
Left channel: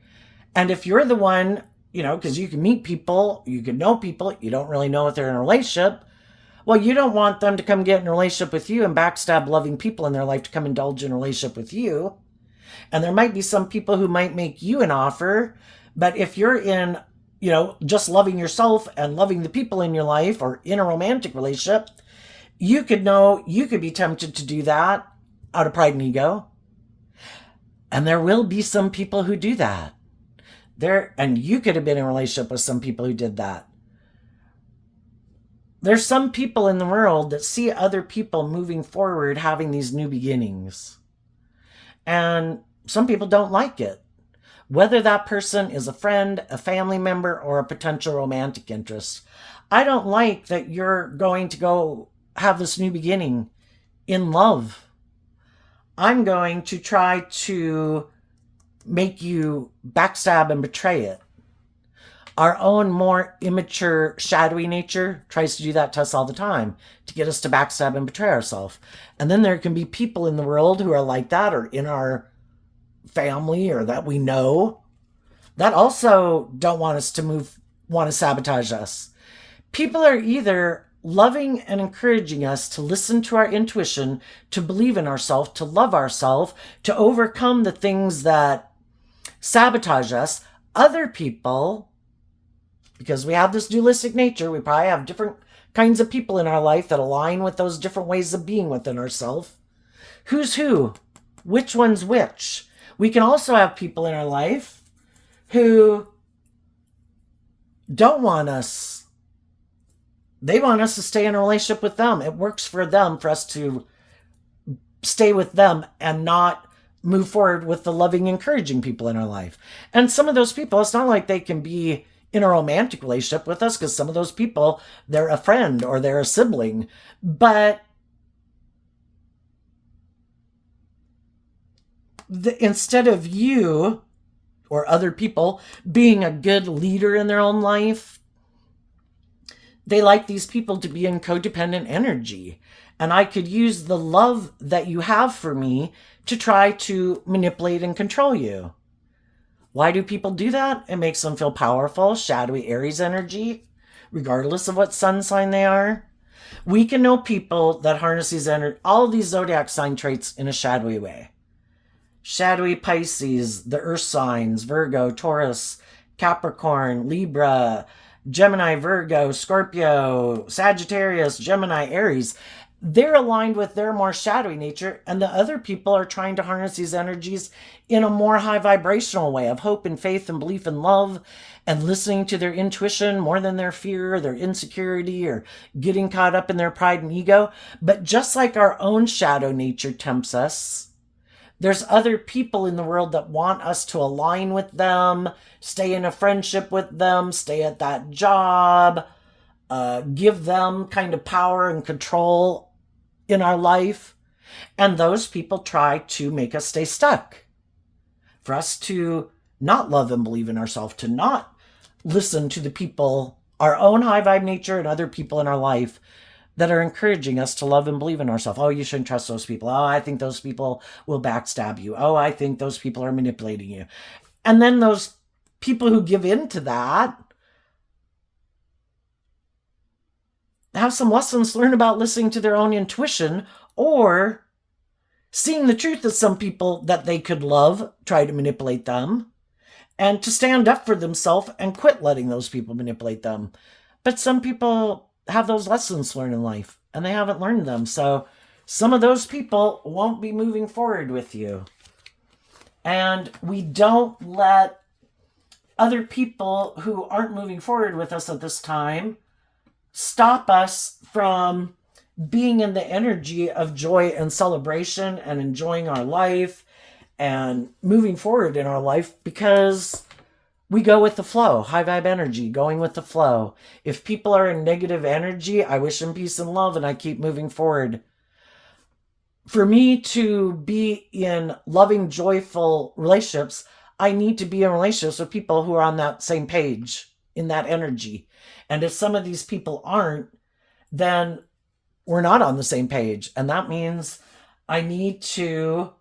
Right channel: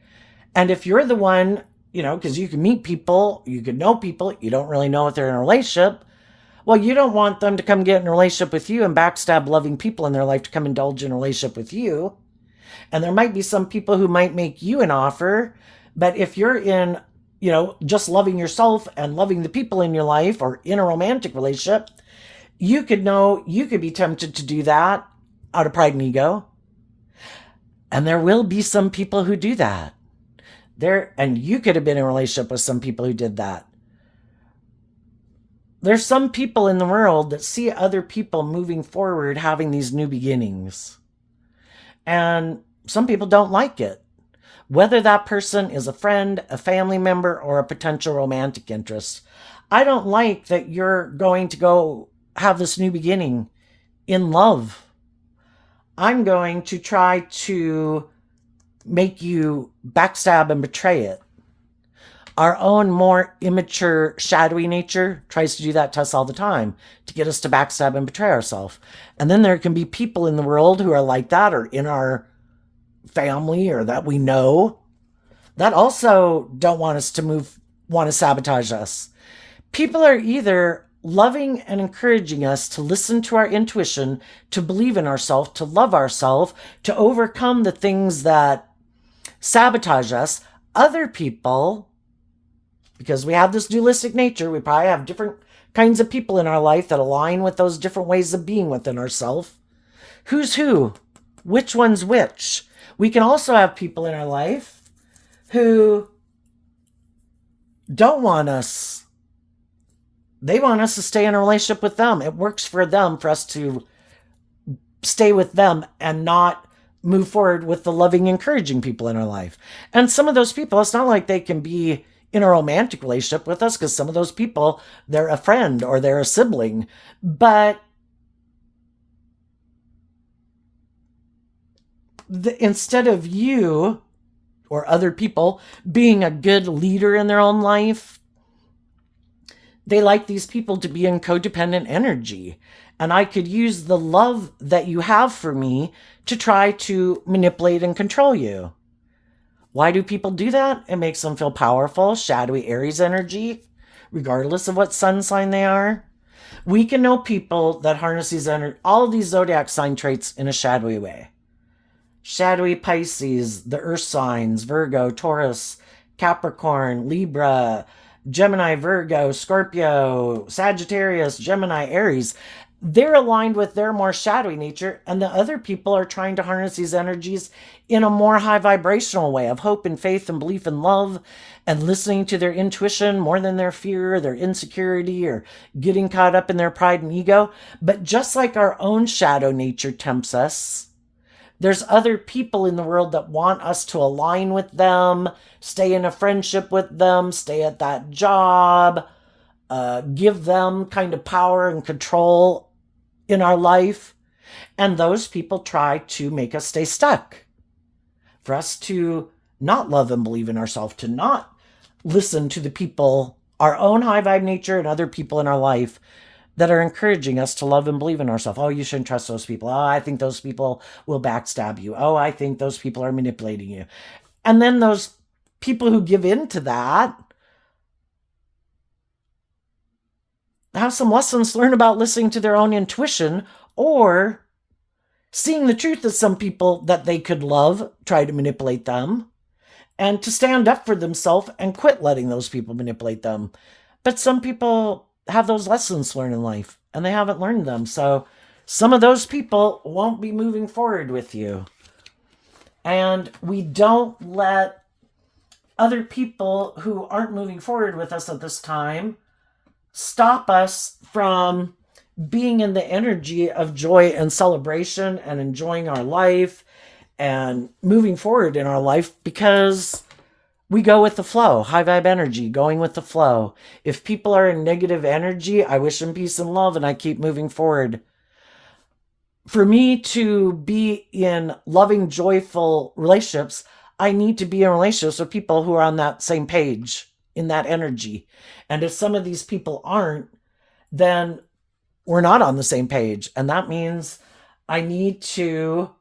And if you're the one, because you can meet people, you can know people, you don't really know if they're in a relationship, well, you don't want them to come get in a relationship with you and backstab loving people in their life to come indulge in a relationship with you. And there might be some people who might make you an offer, but if you're in, just loving yourself and loving the people in your life or in a romantic relationship, you could be tempted to do that out of pride and ego. And there will be some people who do that. And you could have been in a relationship with some people who did that. There's some people in the world that see other people moving forward, having these new beginnings. And some people don't like it. Whether that person is a friend, a family member, or a potential romantic interest. I don't like that you're going to go have this new beginning in love. I'm going to try to make you backstab and betray it. Our own more immature, shadowy nature tries to do that to us all the time, to get us to backstab and betray ourselves. And then there can be people in the world who are like that, or in our family, or that we know, that also don't want us to want to sabotage us. People are either loving and encouraging us to listen to our intuition, to believe in ourselves, to love ourselves, to overcome the things that sabotage us. Other people, because we have this dualistic nature, we probably have different kinds of people in our life that align with those different ways of being within ourselves. Who's who? Which one's which? We can also have people in our life who don't want us. They want us to stay in a relationship with them. It works for them for us to stay with them and not move forward with the loving, encouraging people in our life. And some of those people, it's not like they can be in a romantic relationship with us, because some of those people, they're a friend or they're a sibling. But instead of you or other people being a good leader in their own life, they like these people to be in codependent energy. And I could use the love that you have for me to try to manipulate and control you. Why do people do that? It makes them feel powerful, shadowy Aries energy, regardless of what sun sign they are. We can know people that harness these all of these zodiac sign traits in a shadowy way. Shadowy Pisces, the earth signs, Virgo, Taurus, Capricorn, Libra, Gemini, Virgo, Scorpio, Sagittarius, Gemini, Aries. They're aligned with their more shadowy nature, and the other people are trying to harness these energies in a more high vibrational way of hope and faith and belief and love, and listening to their intuition more than their fear, their insecurity, or getting caught up in their pride and ego. But just like our own shadow nature tempts us, there's other people in the world that want us to align with them, stay in a friendship with them, stay at that job, give them kind of power and control in our life. And those people try to make us stay stuck, for us to not love and believe in ourselves, to not listen to the people, our own high vibe nature and other people in our life that are encouraging us to love and believe in ourselves. Oh, you shouldn't trust those people. Oh, I think those people will backstab you. Oh, I think those people are manipulating you. And then those people who give in to that have some lessons to learn about listening to their own intuition, or seeing the truth of some people that they could love, try to manipulate them, and to stand up for themselves and quit letting those people manipulate them. But some people have those lessons to learn in life, and they haven't learned them. So some of those people won't be moving forward with you. And we don't let other people who aren't moving forward with us at this time stop us from being in the energy of joy and celebration and enjoying our life and moving forward in our life, because we go with the flow. High vibe energy, going with the flow. If people are in negative energy, I wish them peace and love, and I keep moving forward. For me to be in loving, joyful relationships, I need to be in relationships with people who are on that same page, in that energy. And if some of these people aren't, then we're not on the same page. And that means I need to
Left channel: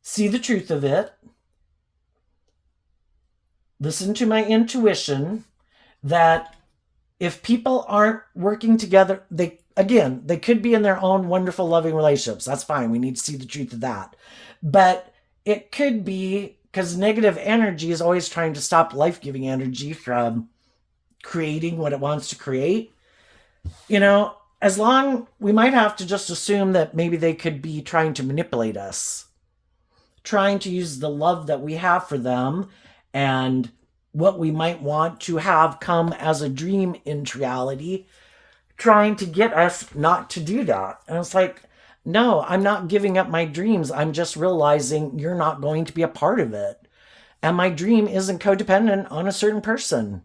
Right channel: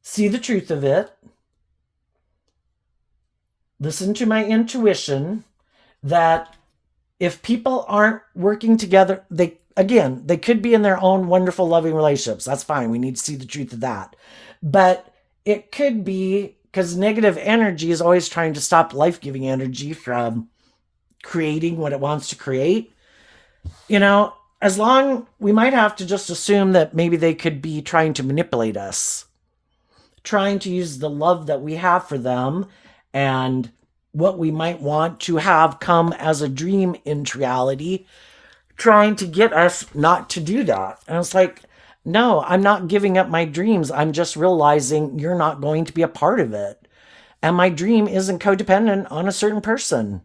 see the truth of it, listen to my intuition, that if people aren't working together, they could be in their own wonderful, loving relationships. That's fine. We need to see the truth of that. But it could be because negative energy is always trying to stop life-giving energy from creating what it wants to create. As long, we might have to just assume that maybe they could be trying to manipulate us, trying to use the love that we have for them and what we might want to have come as a dream into reality, trying to get us not to do that. And it's like, no, I'm not giving up my dreams. I'm just realizing you're not going to be a part of it. And my dream isn't codependent on a certain person.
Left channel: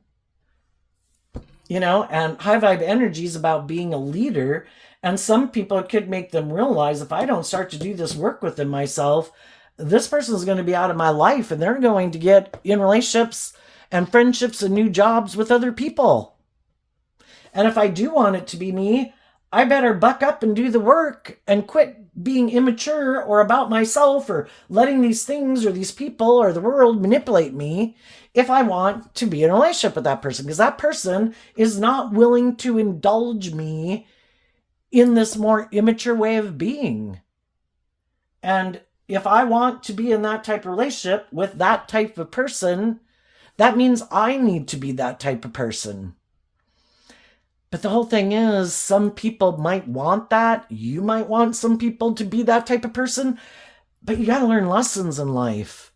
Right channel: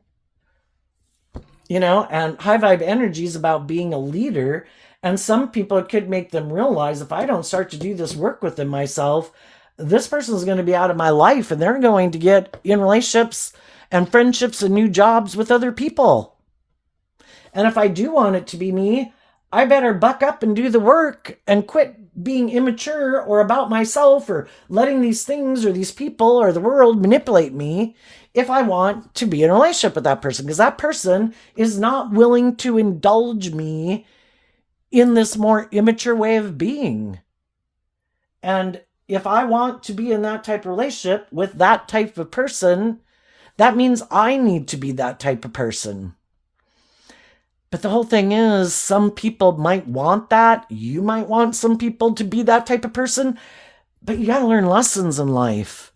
And high vibe energy is about being a leader. And some people, it could make them realize, if I don't start to do this work within myself, this person is going to be out of my life, and they're going to get in relationships and friendships and new jobs with other people. And if I do want it to be me, I better buck up and do the work and quit being immature or about myself, or letting these things or these people or the world manipulate me, if I want to be in a relationship with that person, because that person is not willing to indulge me in this more immature way of being. And if I want to be in that type of relationship with that type of person, that means I need to be that type of person. But the whole thing is, some people might want that. You might want some people to be that type of person. But you got to learn lessons in life.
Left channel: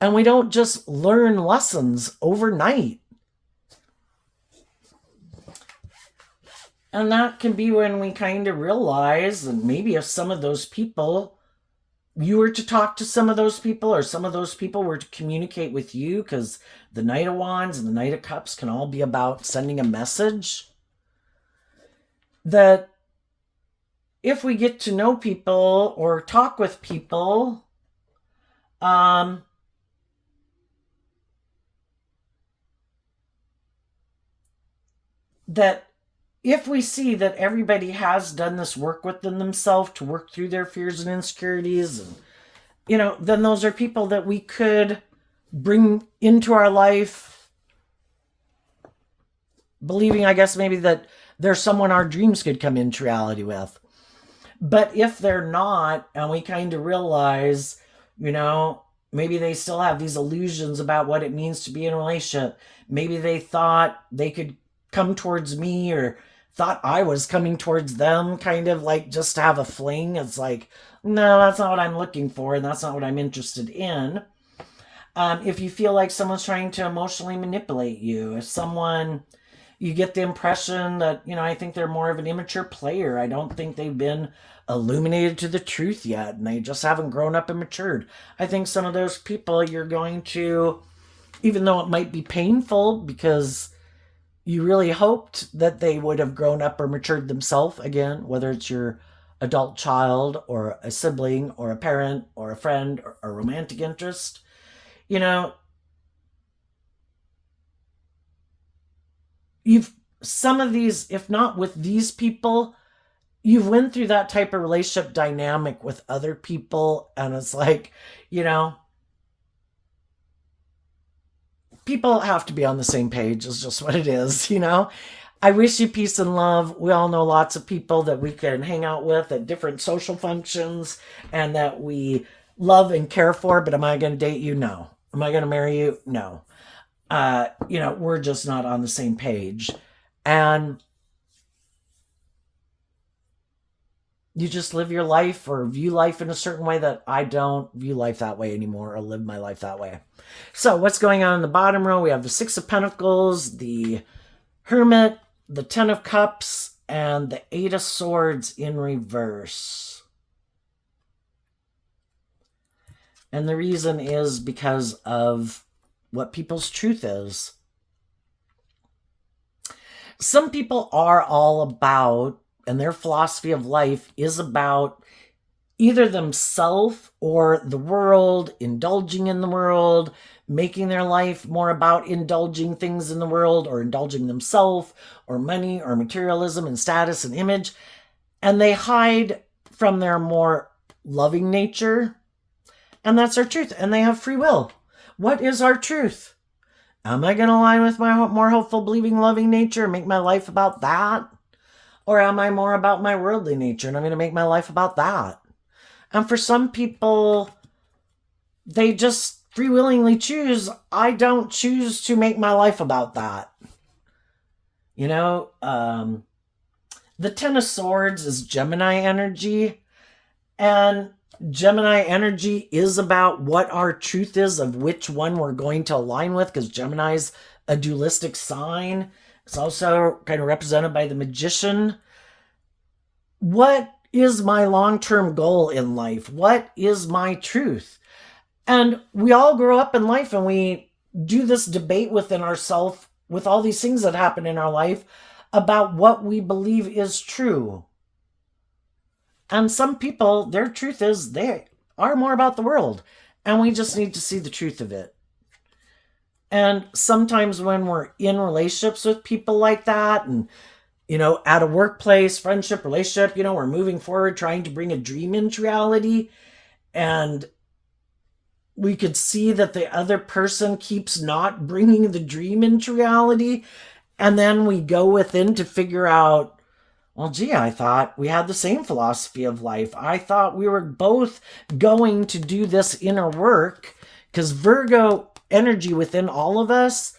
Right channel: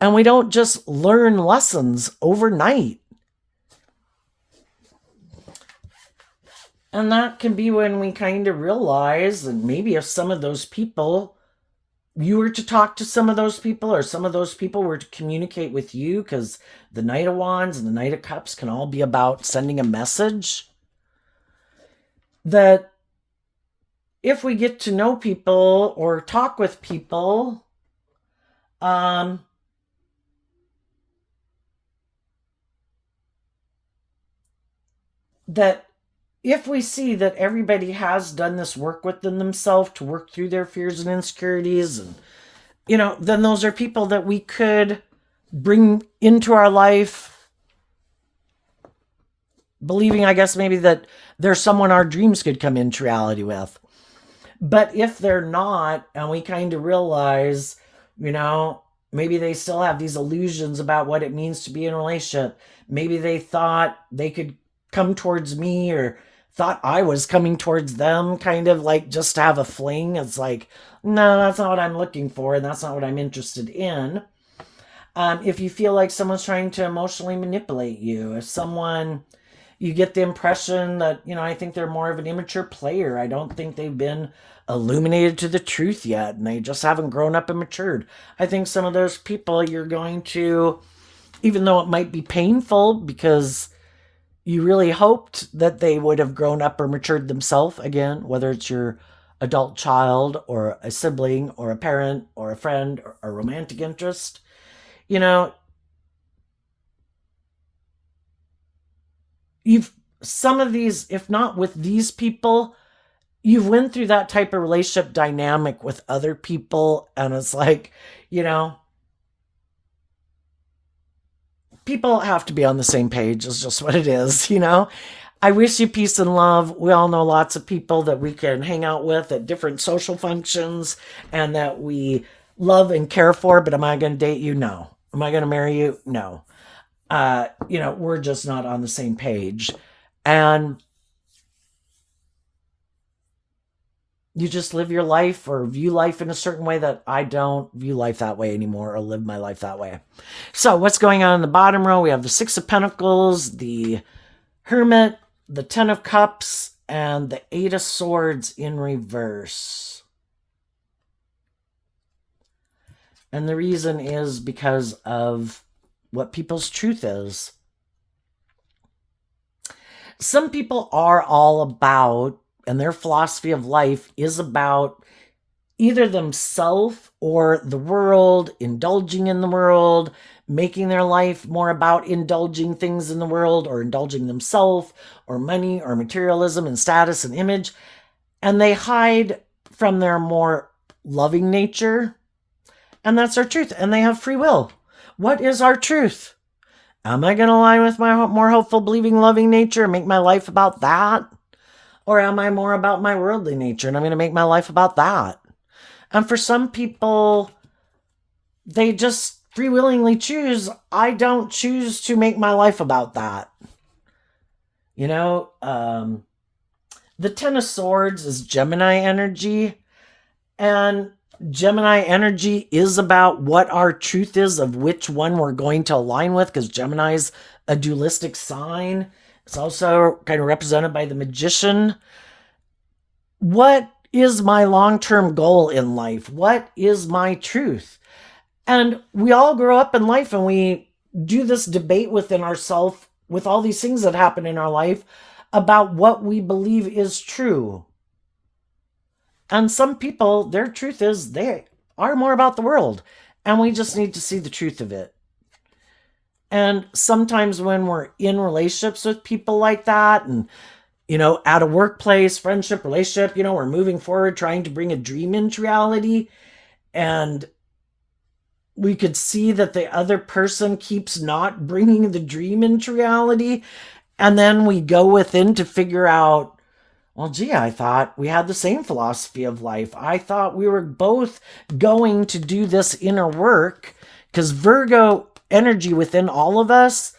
And we don't just learn lessons overnight. And that can be when we kind of realize, and maybe if some of those people, you were to talk to some of those people, or some of those people were to communicate with you, because the Knight of Wands and the Knight of Cups can all be about sending a message, that if we get to know people or talk with people, that if we see that everybody has done this work within themselves to work through their fears and insecurities, and then those are people that we could bring into our life, believing, I guess, maybe that there's someone our dreams could come into reality with. But if they're not, and we kind of realize, maybe they still have these illusions about what it means to be in a relationship. Maybe they thought they could come towards me, or thought I was coming towards them, kind of like just to have a fling. It's like, no, that's not what I'm looking for, and that's not what I'm interested in. If you feel like someone's trying to emotionally manipulate you, if someone, you get the impression that, I think they're more of an immature player. I don't think they've been illuminated to the truth yet, and they just haven't grown up and matured. I think some of those people you're going to, even though it might be painful because you really hoped that they would have grown up or matured themselves, again, whether it's your adult child or a sibling or a parent or a friend or a romantic interest, you've, some of these, if not with these people, you've went through that type of relationship dynamic with other people, and it's like, people have to be on the same page, is just what it is. I wish you peace and love. We all know lots of people that we can hang out with at different social functions and that we love and care for, but am I going to date you? No. Am I going to marry you? No. We're just not on the same page. And you just live your life or view life in a certain way that I don't view life that way anymore, or live my life that way. So what's going on in the bottom row? We have the Six of Pentacles, the Hermit, the Ten of Cups, and the Eight of Swords in reverse. And the reason is because of what people's truth is. Some people are all about, and their philosophy of life is about either themselves or the world, indulging in the world, making their life more about indulging things in the world, or indulging themselves, or money, or materialism, and status, and image. And they hide from their more loving nature. And that's our truth. And they have free will. What is our truth? Am I going to align with my more hopeful, believing, loving nature and make my life about that? Or am I more about my worldly nature and I'm going to make my life about that? And for some people, they just free willingly choose, I don't choose to make my life about that. The Ten of Swords is Gemini energy. And Gemini energy is about what our truth is of which one we're going to align with, because Gemini's a dualistic sign. It's also kind of represented by the Magician. What is my long-term goal in life? What is my truth? And we all grow up in life and we do this debate within ourselves with all these things that happen in our life about what we believe is true. And some people, their truth is they are more about the world, and we just need to see the truth of it. And sometimes when we're in relationships with people like that, and, at a workplace, friendship, relationship, we're moving forward, trying to bring a dream into reality, and we could see that the other person keeps not bringing the dream into reality, and then we go within to figure out, well, gee, I thought we had the same philosophy of life. I thought we were both going to do this inner work, because Virgo energy within all of us,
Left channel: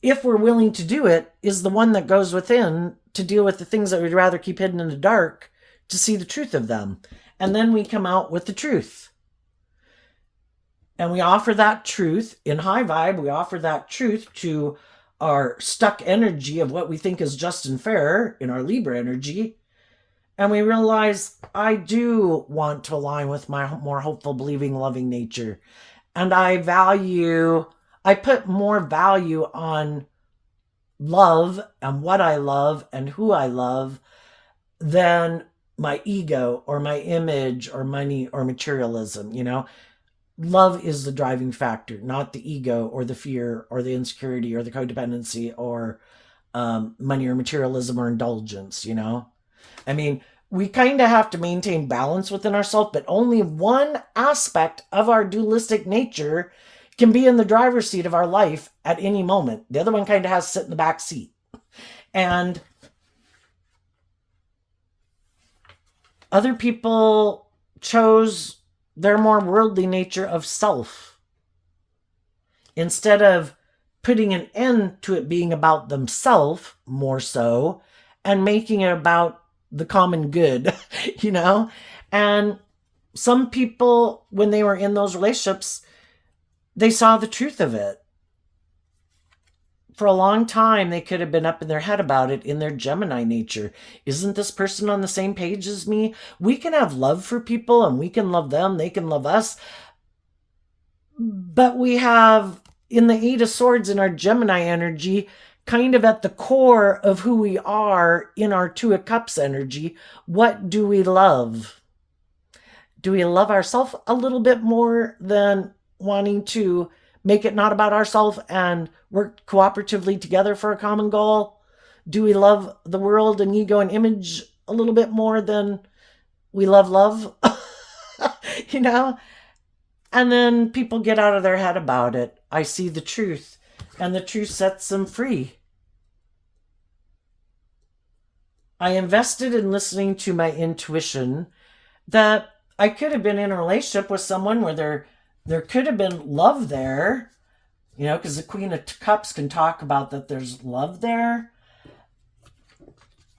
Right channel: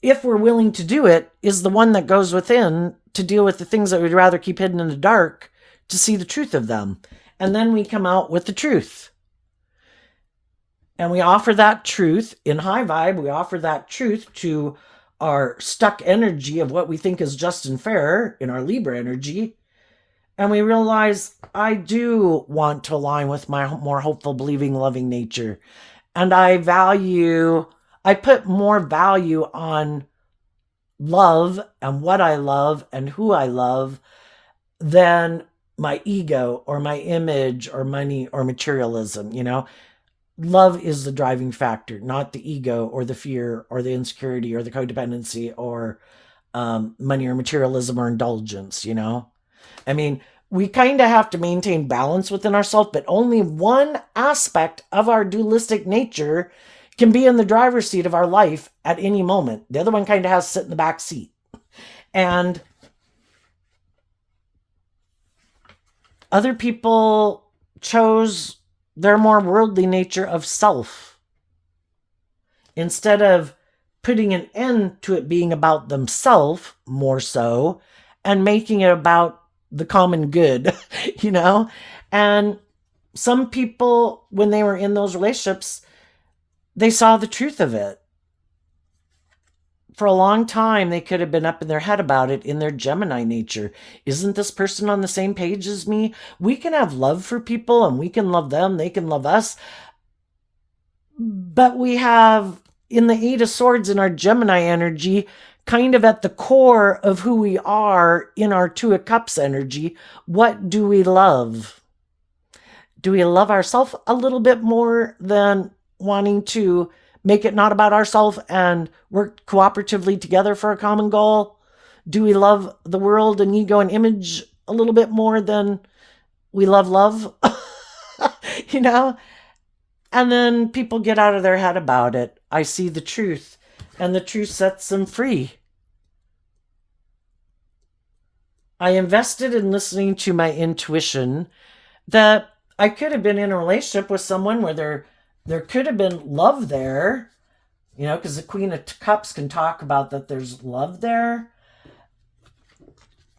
if we're willing to do it, is the one that goes within to deal with the things that we'd rather keep hidden in the dark, to see the truth of them. And then we come out with the truth. And we offer that truth in high vibe. We offer that truth to our stuck energy of what we think is just and fair in our Libra energy, and we realize I do want to align with my more hopeful, believing, loving nature. And I put more value on love and what I love and who I love than my ego or my image or money or materialism, Love is the driving factor, not the ego or the fear or the insecurity or the codependency or money or materialism or indulgence, I mean, we kind of have to maintain balance within ourselves, but only one aspect of our dualistic nature can be in the driver's seat of our life at any moment. The other one kind of has to sit in the back seat. And other people chose their more worldly nature of self instead of putting an end to it being about themselves more so and making it about the common good, And some people, when they were in those relationships, they saw the truth of it. For a long time, they could have been up in their head about it in their Gemini nature. Isn't this person on the same page as me? We can have love for people and we can love them. They can love us. But we have, in the Eight of Swords in our Gemini energy, kind of at the core of who we are in our Two of Cups energy, what do we love? Do we love ourselves a little bit more than wanting to make it not about ourselves and work cooperatively together for a common goal? Do we love the world and ego and image a little bit more than we love love? And then people get out of their head about it. I see the truth, and the truth sets them free. I invested in listening to my intuition that I could have been in a relationship with someone where there could have been love there, because the Queen of Cups can talk about that there's love there.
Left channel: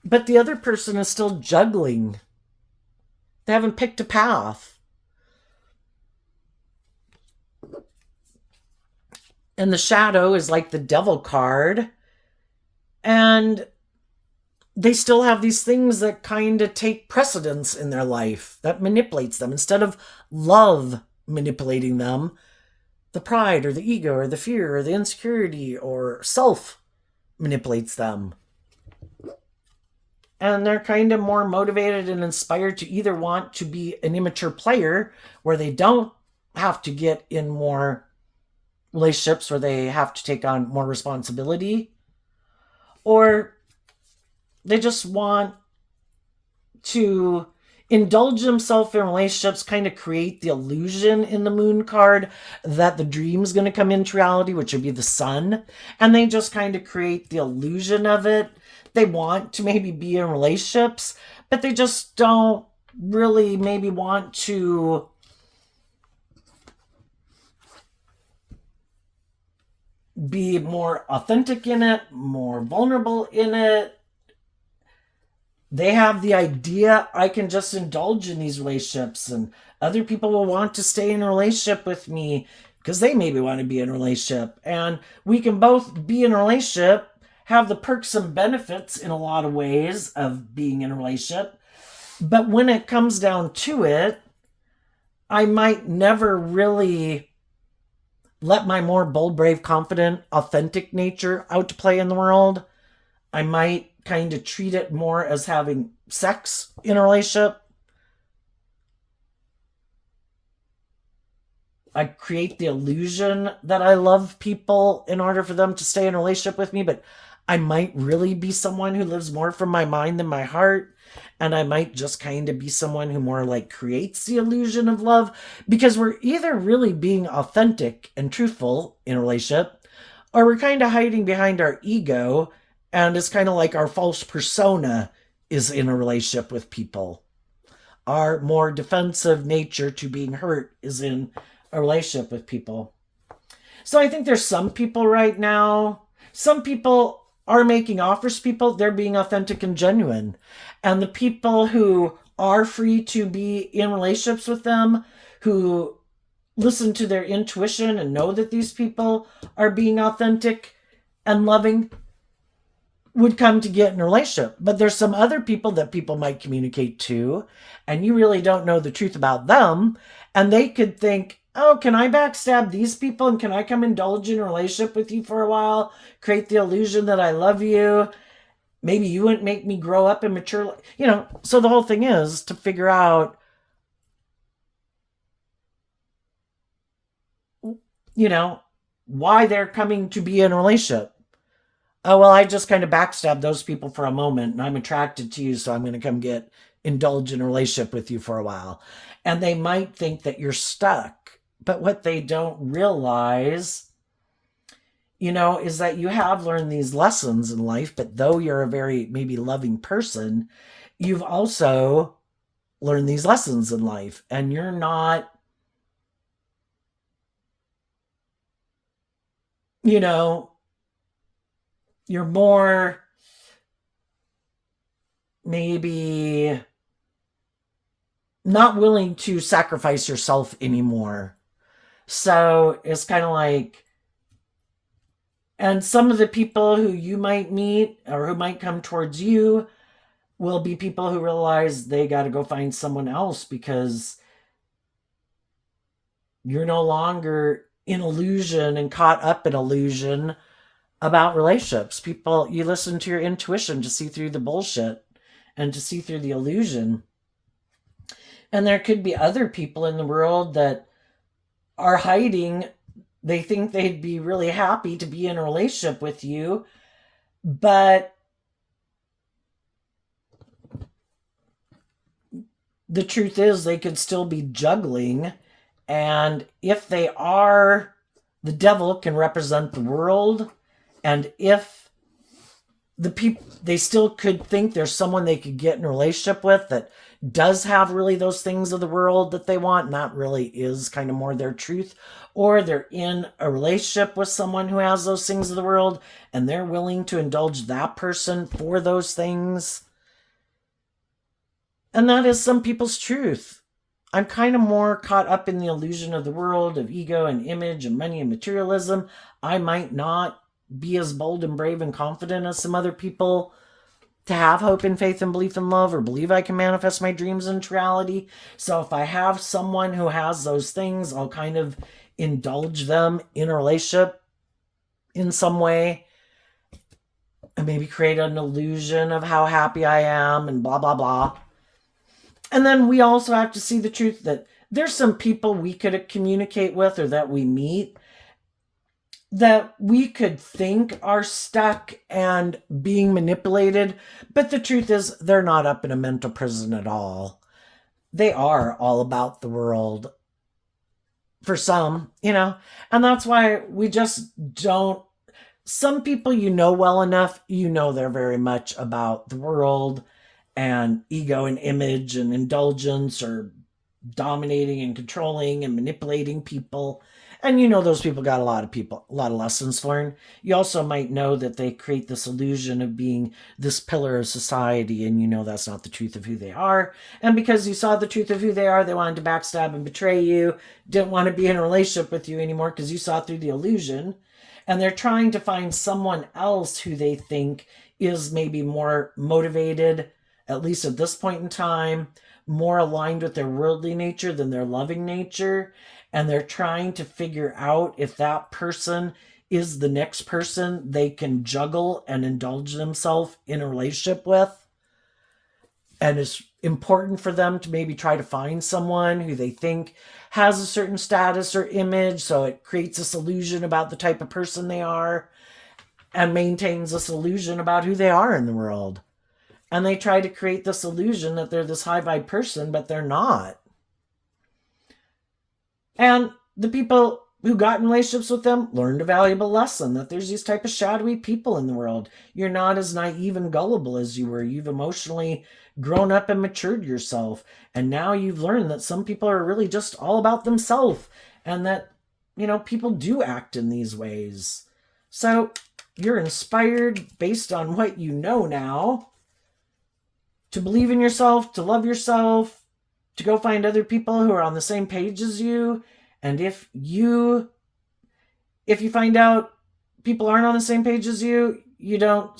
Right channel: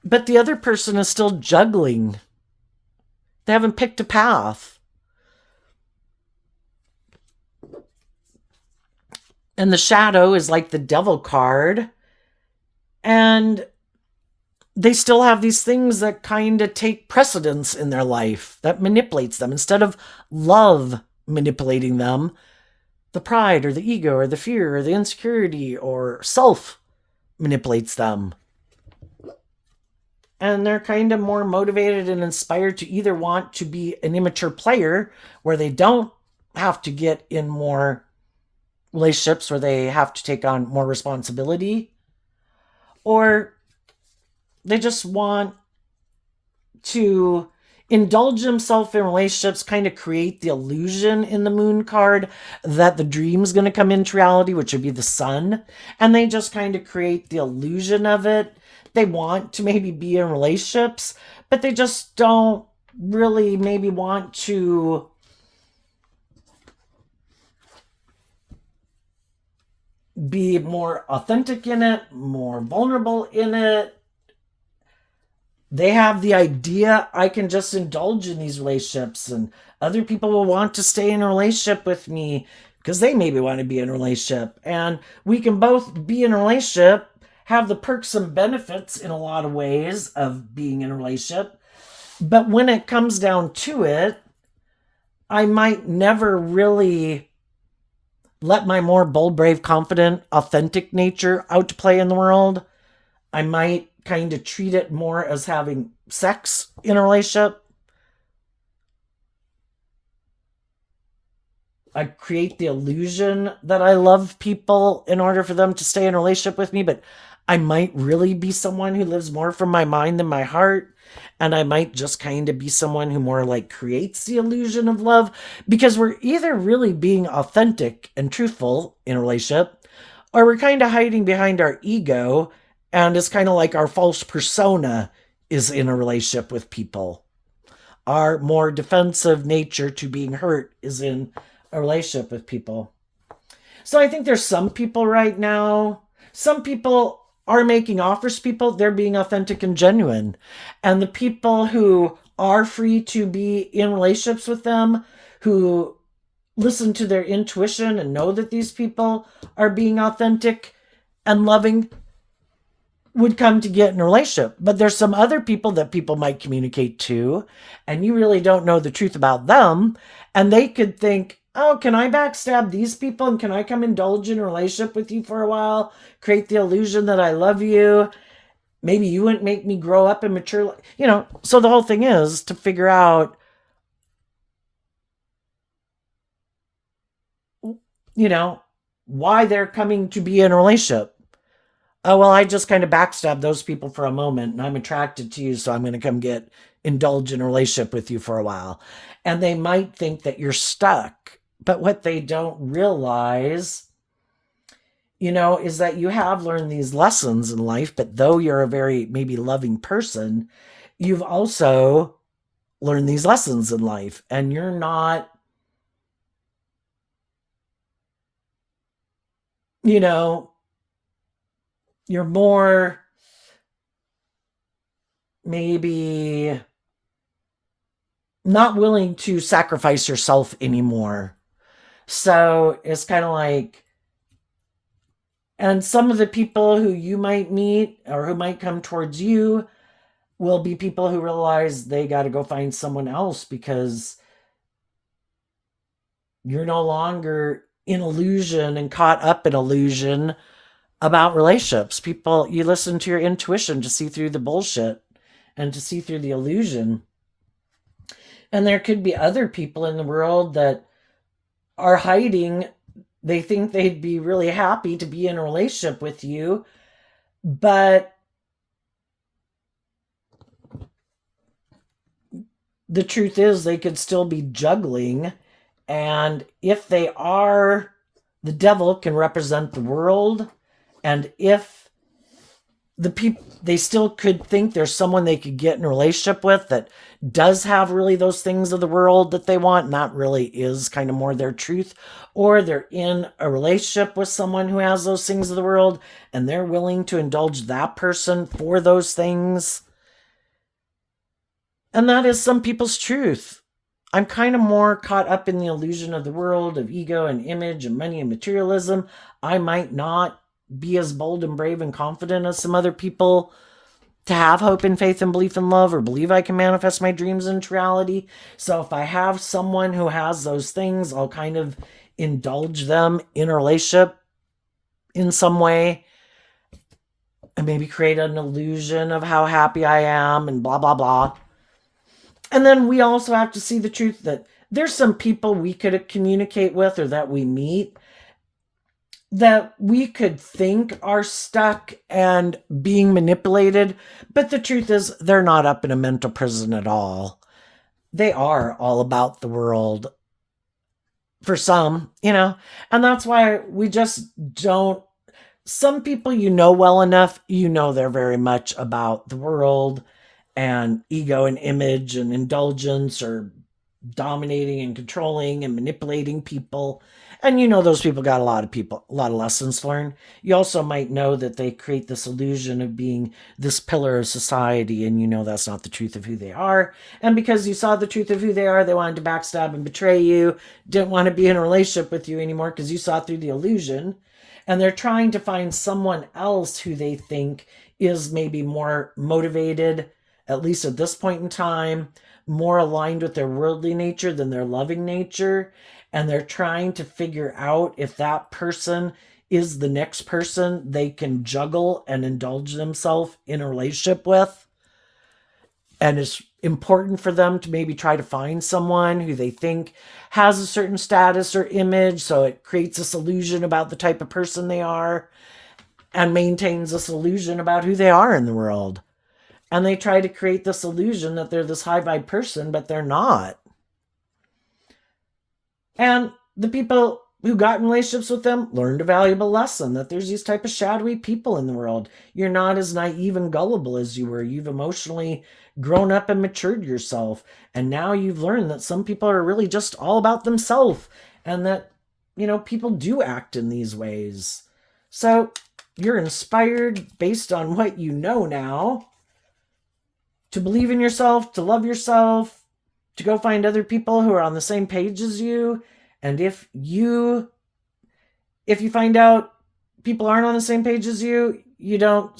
But the other person is still juggling. They haven't picked a path. And the shadow is like the devil card. And they still have these things that kind of take precedence in their life, that manipulates them. Instead of love manipulating them, the pride or the ego or the fear or the insecurity or self manipulates them. And they're kind of more motivated and inspired to either want to be an immature player where they don't have to get in more relationships where they have to take on more responsibility, or they just want to indulge themselves in relationships, kind of create the illusion in the moon card that the dream's going to come into reality, which would be the sun. And they just kind of create the illusion of it. They want to maybe be in relationships, but they just don't really maybe want to be more authentic in it, more vulnerable in it. They have the idea, I can just indulge in these relationships and other people will want to stay in a relationship with me because they maybe want to be in a relationship. And we can both be in a relationship, have the perks and benefits in a lot of ways of being in a relationship. But when it comes down to it, I might never really let my more bold, brave, confident, authentic nature out to play in the world. I might kind of treat it more as having sex in a relationship. I create the illusion that I love people in order for them to stay in a relationship with me, but I might really be someone who lives more from my mind than my heart. And I might just kind of be someone who more like creates the illusion of love, because we're either really being authentic and truthful in a relationship, or we're kind of hiding behind our ego, and it's kind of like our false persona is in a relationship with people. Our more defensive nature to being hurt is in a relationship with people. So I think there's some people right now, some people are making offers to people, they're being authentic and genuine. And the people who are free to be in relationships with them, who listen to their intuition and know that these people are being authentic, and loving would come to get in a relationship. But there's some other people that people might communicate to, and you really don't know the truth about them. And they could think, oh, can I backstab these people? And can I come indulge in a relationship with you for a while? Create the illusion that I love you. Maybe you wouldn't make me grow up and mature. So the whole thing is to figure out, why they're coming to be in a relationship. Oh, well, I just kind of backstabbed those people for a moment and I'm attracted to you, so I'm going to come indulge in a relationship with you for a while. And they might think that you're stuck. But what they don't realize, is that you have learned these lessons in life, but though you're a very maybe loving person, you've also learned these lessons in life and you're not, you're more maybe not willing to sacrifice yourself anymore. So it's kind of like, and some of the people who you might meet or who might come towards you will be people who realize they got to go find someone else because you're no longer in illusion and caught up in illusion about relationships. People, you listen to your intuition to see through the bullshit and to see through the illusion. And there could be other people in the world that are hiding. They think they'd be really happy to be in a relationship with you, but the truth is they could still be juggling. And if they are, the devil can represent the world. And if the people, they still could think there's someone they could get in a relationship with that does have really those things of the world that they want, and that really is kind of more their truth. Or they're in a relationship with someone who has those things of the world and they're willing to indulge that person for those things. And that is some people's truth. I'm kind of more caught up in the illusion of the world, of ego and image and money and materialism. I might not be as bold and brave and confident as some other people to have hope and faith and belief and love or believe I can manifest my dreams into reality. So if I have someone who has those things, I'll kind of indulge them in a relationship in some way and maybe create an illusion of how happy I am and blah, blah, blah. And then we also have to see the truth that there's some people we could communicate with or that we meet that we could think are stuck and being manipulated. But the truth is they're not up in a mental prison at all. They are all about the world for some, and that's why we just don't. Some people well enough, they're very much about the world and ego and image and indulgence or dominating and controlling and manipulating people. And those people got a lot of lessons to learn. You also might know that they create this illusion of being this pillar of society, and that's not the truth of who they are. And because you saw the truth of who they are, they wanted to backstab and betray you, didn't want to be in a relationship with you anymore because you saw through the illusion. And they're trying to find someone else who they think is maybe more motivated, at least at this point in time, more aligned with their worldly nature than their loving nature. And they're trying to figure out if that person is the next person they can juggle and indulge themselves in a relationship with. And it's important for them to maybe try to find someone who they think has a certain status or image, so it creates this illusion about the type of person they are and maintains this illusion about who they are in the world. And they try to create this illusion that they're this high vibe person, but they're not. And the people who got in relationships with them learned a valuable lesson that there's these type of shadowy people in the world. You're not as naive and gullible as you were. You've emotionally grown up and matured yourself. And now you've learned that some people are really just all about themselves and that, people do act in these ways. So you're inspired based on what you know now to believe in yourself, to love yourself, to go find other people who are on the same page as you. And if you find out people aren't on the same page as you, you don't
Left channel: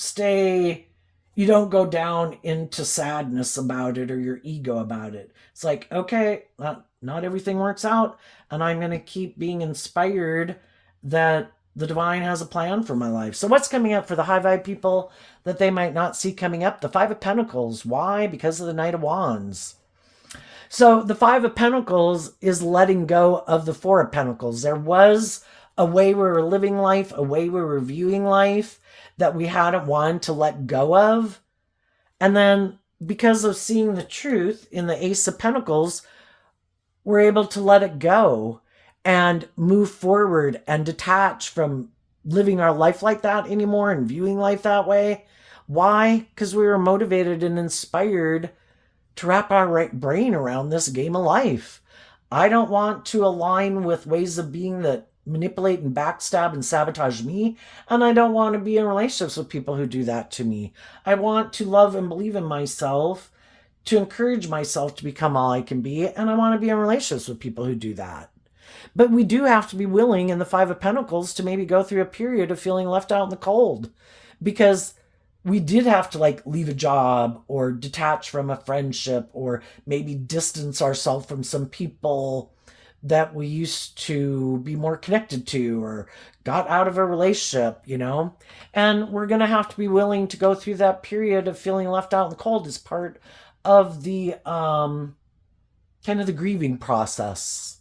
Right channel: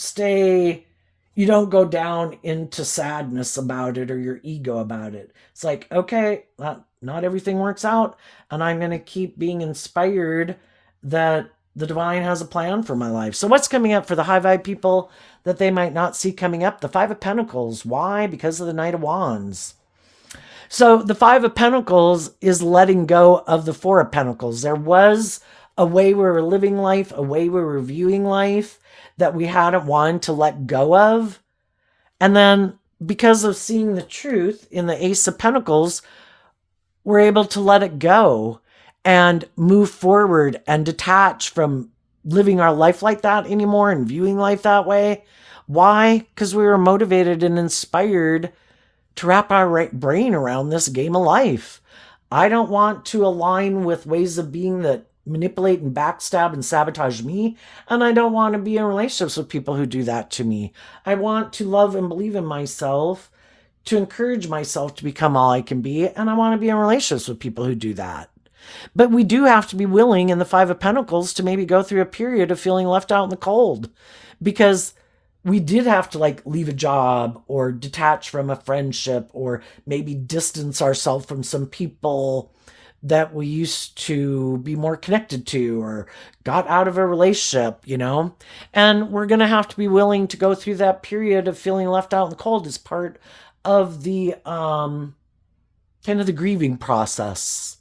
go down into sadness about it or your ego about it. It's like, okay, not everything works out, and I'm going to keep being inspired that the divine has a plan for my life. So what's coming up for the high vibe people that they might not see coming up? The Five of Pentacles. Why? Because of the Knight of Wands. So the Five of Pentacles is letting go of the Four of Pentacles. There was a way we were living life, a way we were viewing life that we hadn't wanted to let go of. And then because of seeing the truth in the Ace of Pentacles, we're able to let it go and move forward and detach from living our life like that anymore and viewing life that way. Why? Because we were motivated and inspired to wrap our brain around this game of life. I don't want to align with ways of being that manipulate and backstab and sabotage me, and I don't want to be in relationships with people who do that to me. I want to love and believe in myself, to encourage myself to become all I can be, and I want to be in relationships with people who do that. But we do have to be willing in the Five of Pentacles to maybe go through a period of feeling left out in the cold, because we did have to like leave a job or detach from a friendship or maybe distance ourselves from some people that we used to be more connected to or got out of a relationship, and we're going to have to be willing to go through that period of feeling left out in the cold as part of the kind of the grieving process,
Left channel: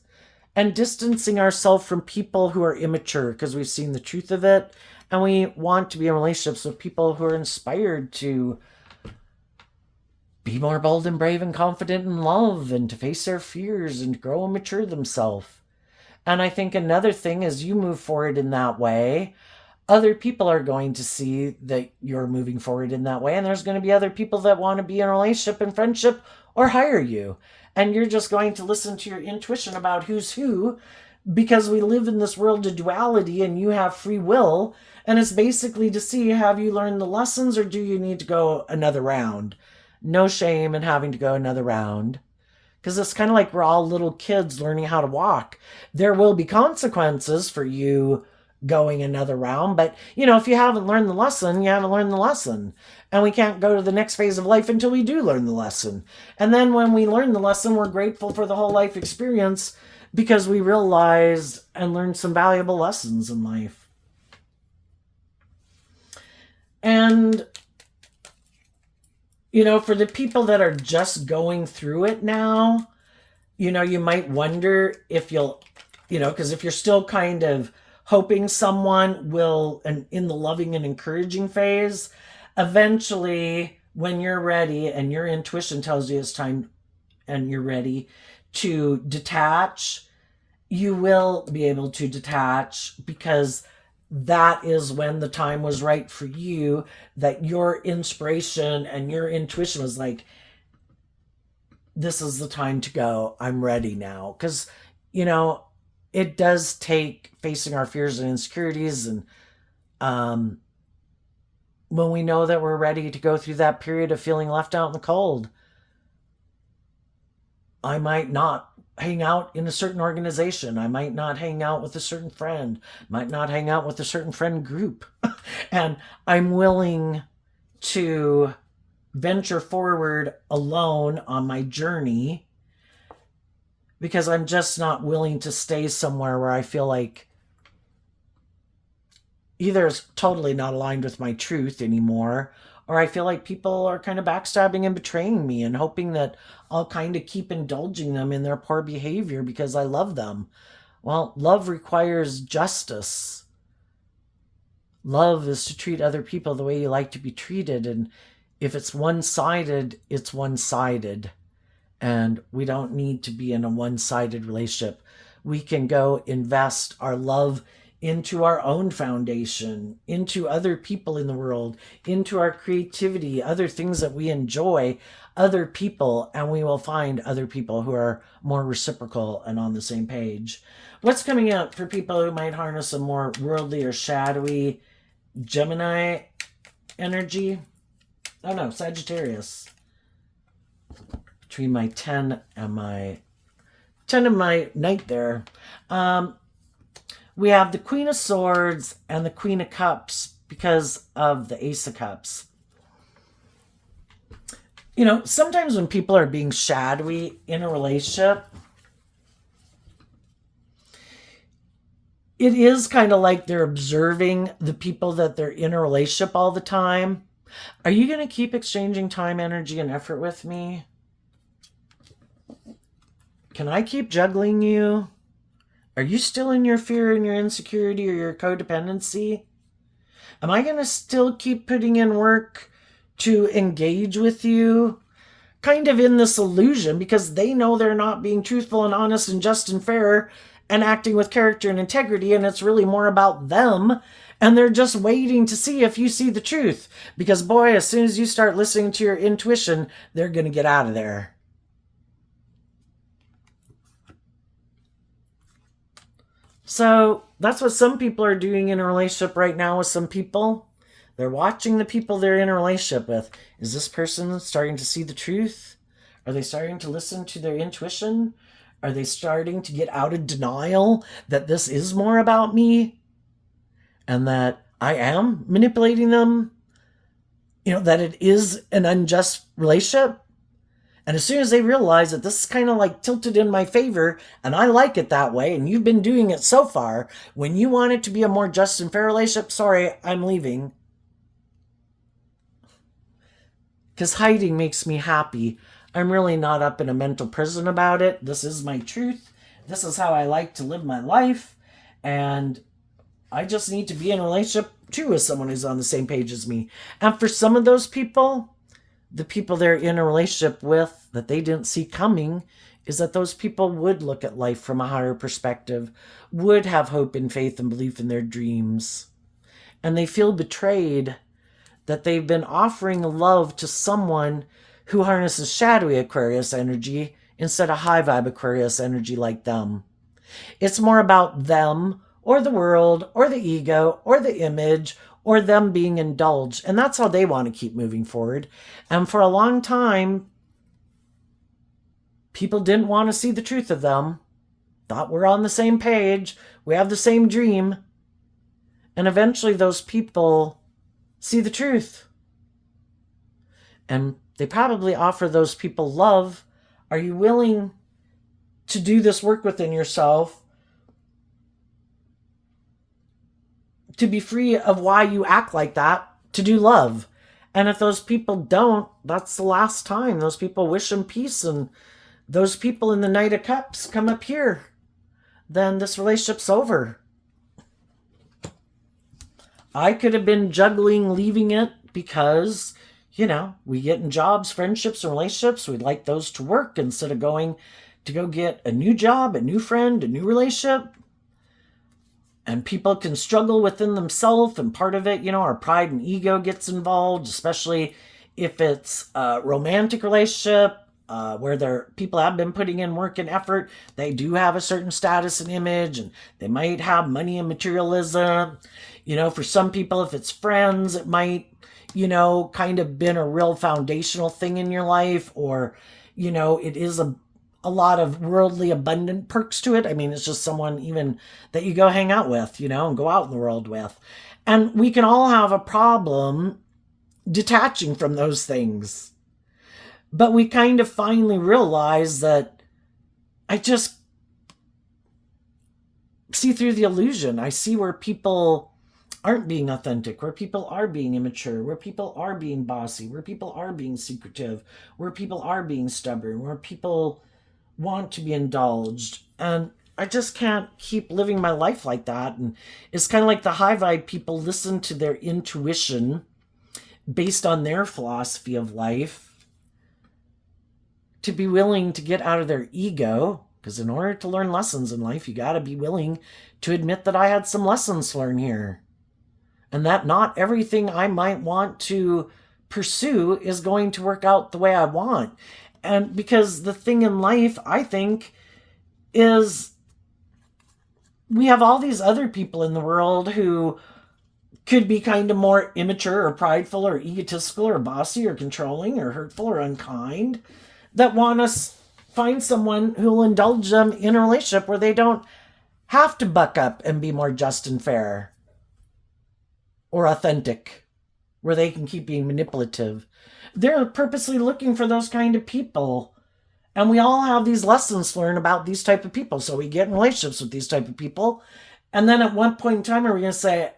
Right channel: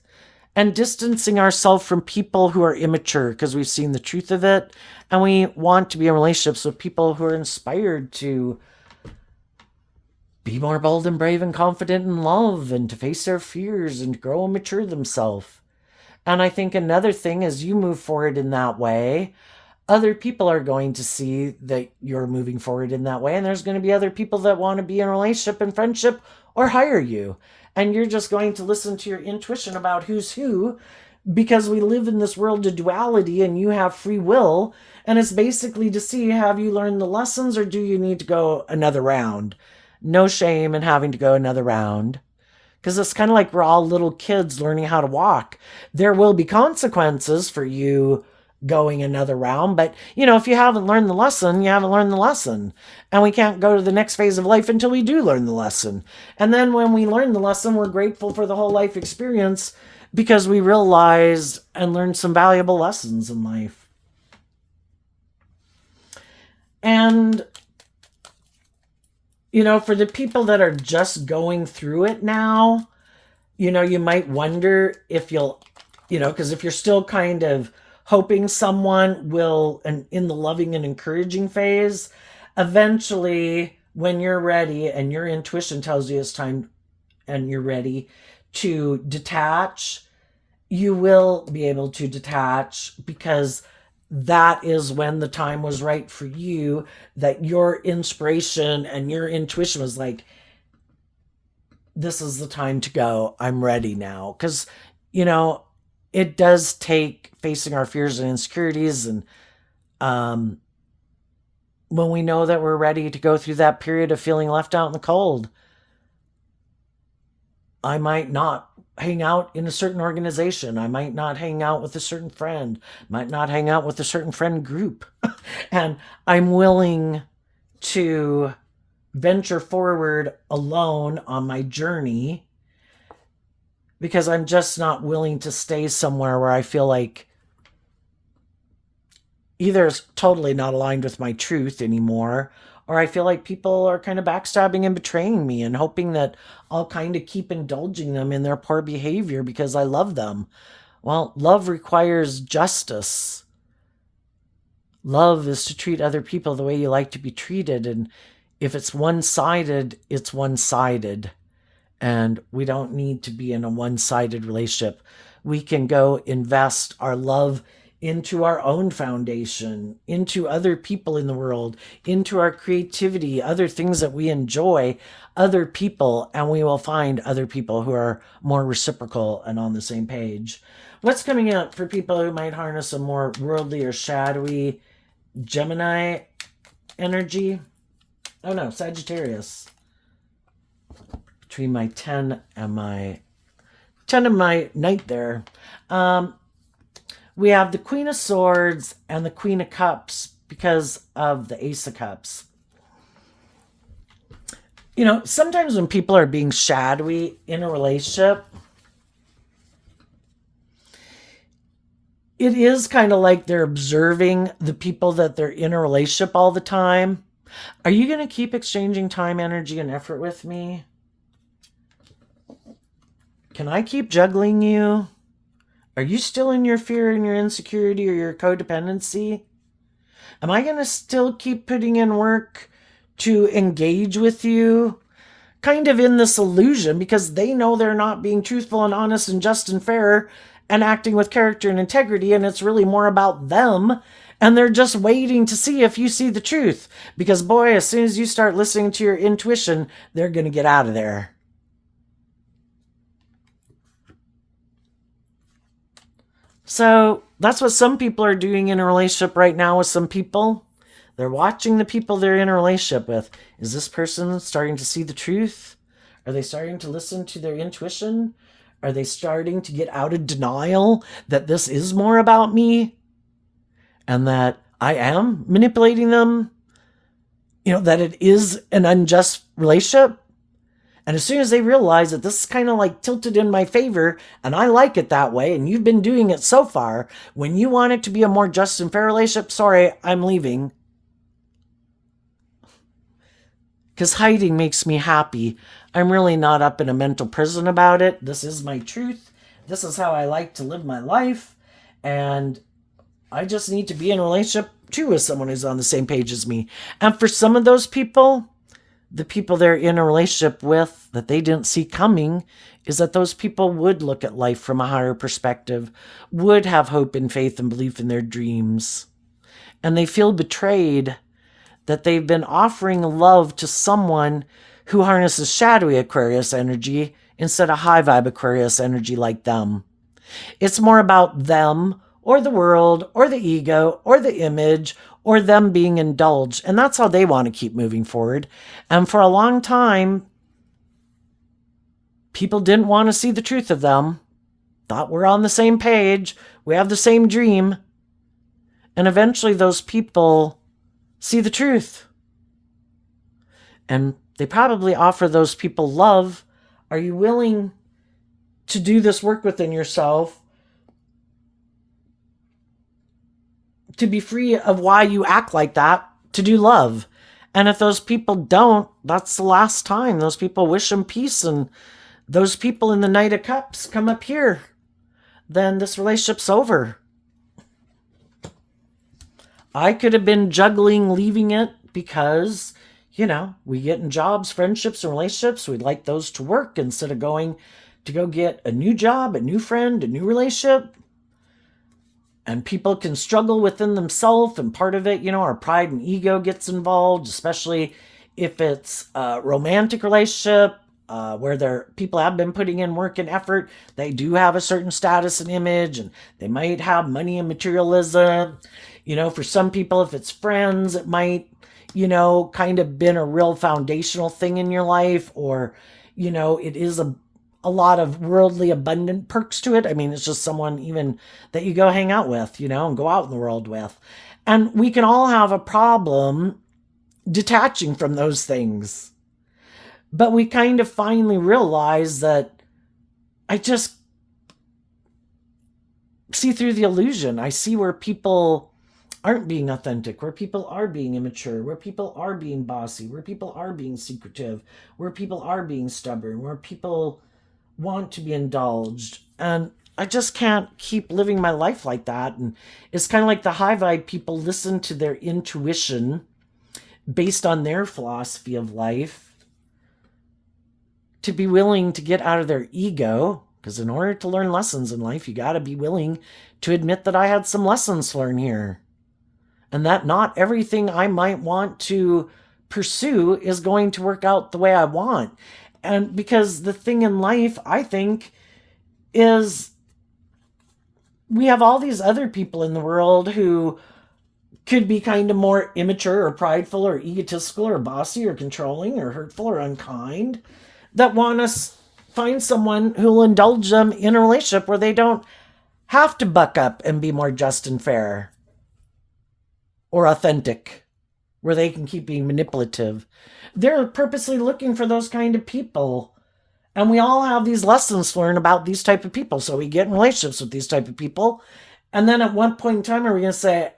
and distancing ourselves from people who are immature because we've seen the truth of it, and we want to be in relationships with people who are inspired to be more bold and brave and confident in love and to face their fears and grow and mature themselves. And I think another thing, as you move forward in that way, other people are going to see that you're moving forward in that way. And there's going to be other people that want to be in a relationship and friendship or hire you. And you're just going to listen to your intuition about who's who, because we live in this world of duality and you have free will. And it's basically to see, have you learned the lessons or do you need to go another round? No shame in having to go another round, because it's kind of like we're all little kids learning how to walk. There will be consequences for you going another round, but if you haven't learned the lesson, you haven't learned the lesson, and we can't go to the next phase of life until we do learn the lesson. And then when we learn the lesson, we're grateful for the whole life experience because we realized and learned some valuable lessons in life. And for the people that are just going through it now, you might wonder if you'll, because if you're still kind of hoping someone will, and in the loving and encouraging phase, eventually when you're ready and your intuition tells you it's time and you're ready to detach, you will be able to detach, because that is when the time was right for you, that your inspiration and your intuition was like, this is the time to go. I'm ready now. Because, it does take facing our fears and insecurities. And when we know that we're ready to go through that period of feeling left out in the cold, I might not hang out in a certain organization. I might not hang out with a certain friend, might not hang out with a certain friend group. And I'm willing to venture forward alone on my journey, because I'm just not willing to stay somewhere where I feel like either it's totally not aligned with my truth anymore, or I feel like people are kind of backstabbing and betraying me and hoping that I'll kind of keep indulging them in their poor behavior because I love them. Well, love requires justice. Love is to treat other people the way you like to be treated. And if it's one-sided, it's one-sided. And we don't need to be in a one-sided relationship. We can go invest our love into our own foundation, into other people in the world, into our creativity, other things that we enjoy, other people, and we will find other people who are more reciprocal and on the same page. What's coming up for people who might harness a more worldly or shadowy Gemini energy? Oh no, Sagittarius. Between my 10 and my 10 and my night there. we have the Queen of Swords and the Queen of Cups because of the Ace of Cups. You know, sometimes when people are being shadowy in a relationship, it is kind of like they're observing the people that they're in a relationship all the time. Are you going to keep exchanging time, energy, and effort with me? Can I keep juggling you? Are you still in your fear and your insecurity or your codependency? Am I going to still keep putting in work to engage with you? Kind of in this illusion because they know they're not being truthful and honest and just and fair and acting with character and integrity, and it's really more about them, and they're just waiting to see if you see the truth. Because boy, as soon as you start listening to your intuition, they're going to get out of there. So that's what some people are doing in a relationship right now with some people. They're watching the people they're in a relationship with. Is this person starting to see the truth? Are they starting to listen to their intuition? Are they starting to get out of denial that this is more about me and that I am manipulating them? You know, that it is an unjust relationship? And as soon as they realize that this is kind of like tilted in my favor and I like it that way, and you've been doing it so far, when you want it to be a more just and fair relationship, sorry, I'm leaving. Because hiding makes me happy. I'm really not up in a mental prison about it. This is my truth. This is how I like to live my life. And I just need to be in a relationship too with someone who's on the same page as me. And for some of those people, the people they're in a relationship with that they didn't see coming, is that those people would look at life from a higher perspective, would have hope and faith and belief in their dreams. And they feel betrayed that they've been offering love to someone who harnesses shadowy Aquarius energy instead of high vibe Aquarius energy like them. It's more about them or the world or the ego or the image or them being indulged. And that's how they want to keep moving forward. And for a long time, people didn't want to see the truth of them, thought we're on the same page, we have the same dream. And eventually those people see the truth. And they probably offer those people love. Are you willing to do this work within yourself to be free of why you act like that, to do love? And if those people don't, that's the last time. Those people wish them peace, and those people in the Knight of Cups come up here, then this relationship's over. I could have been juggling leaving it because, you know, we get in jobs, friendships, and relationships. We'd like those to work instead of going to go get a new job, a new friend, a new relationship. And people can struggle within themselves, and part of it, you know, our pride and ego gets involved, if it's a romantic relationship where people have been putting in work and effort. They do have a certain status and image, and they might have money and materialism. You know, for some people, if it's friends, it might, you know, kind of been a real foundational thing in your life, or, you know, it is a lot of worldly abundant perks to it. I mean, it's just someone even that you go hang out with, you know, and go out in the world with. And we can all have a problem detaching from those things. But we kind of finally realize that I just see through the illusion. I see where people aren't being authentic, where people are being immature, where people are being bossy, where people are being secretive, where people are being stubborn, where people want to be indulged. And I just can't keep living my life like that. And it's kind of like the high vibe people listen to their intuition based on their philosophy of life to be willing to get out of their ego. Because in order to learn lessons in life, you got to be willing to admit that I had some lessons to learn here. And that not everything I might want to pursue is going to work out the way I want. And because the thing in life, I think, is we have all these other people in the world who could be kind of more immature or prideful or egotistical or bossy or controlling or hurtful or unkind, that want to find someone who will indulge them in a relationship where they don't have to buck up and be more just and fair or authentic, where they can keep being manipulative. They're purposely looking for those kind of people. And we all have these lessons to learn about these type of people. So we get in relationships with these type of people. And then at one point in time, are we going to say,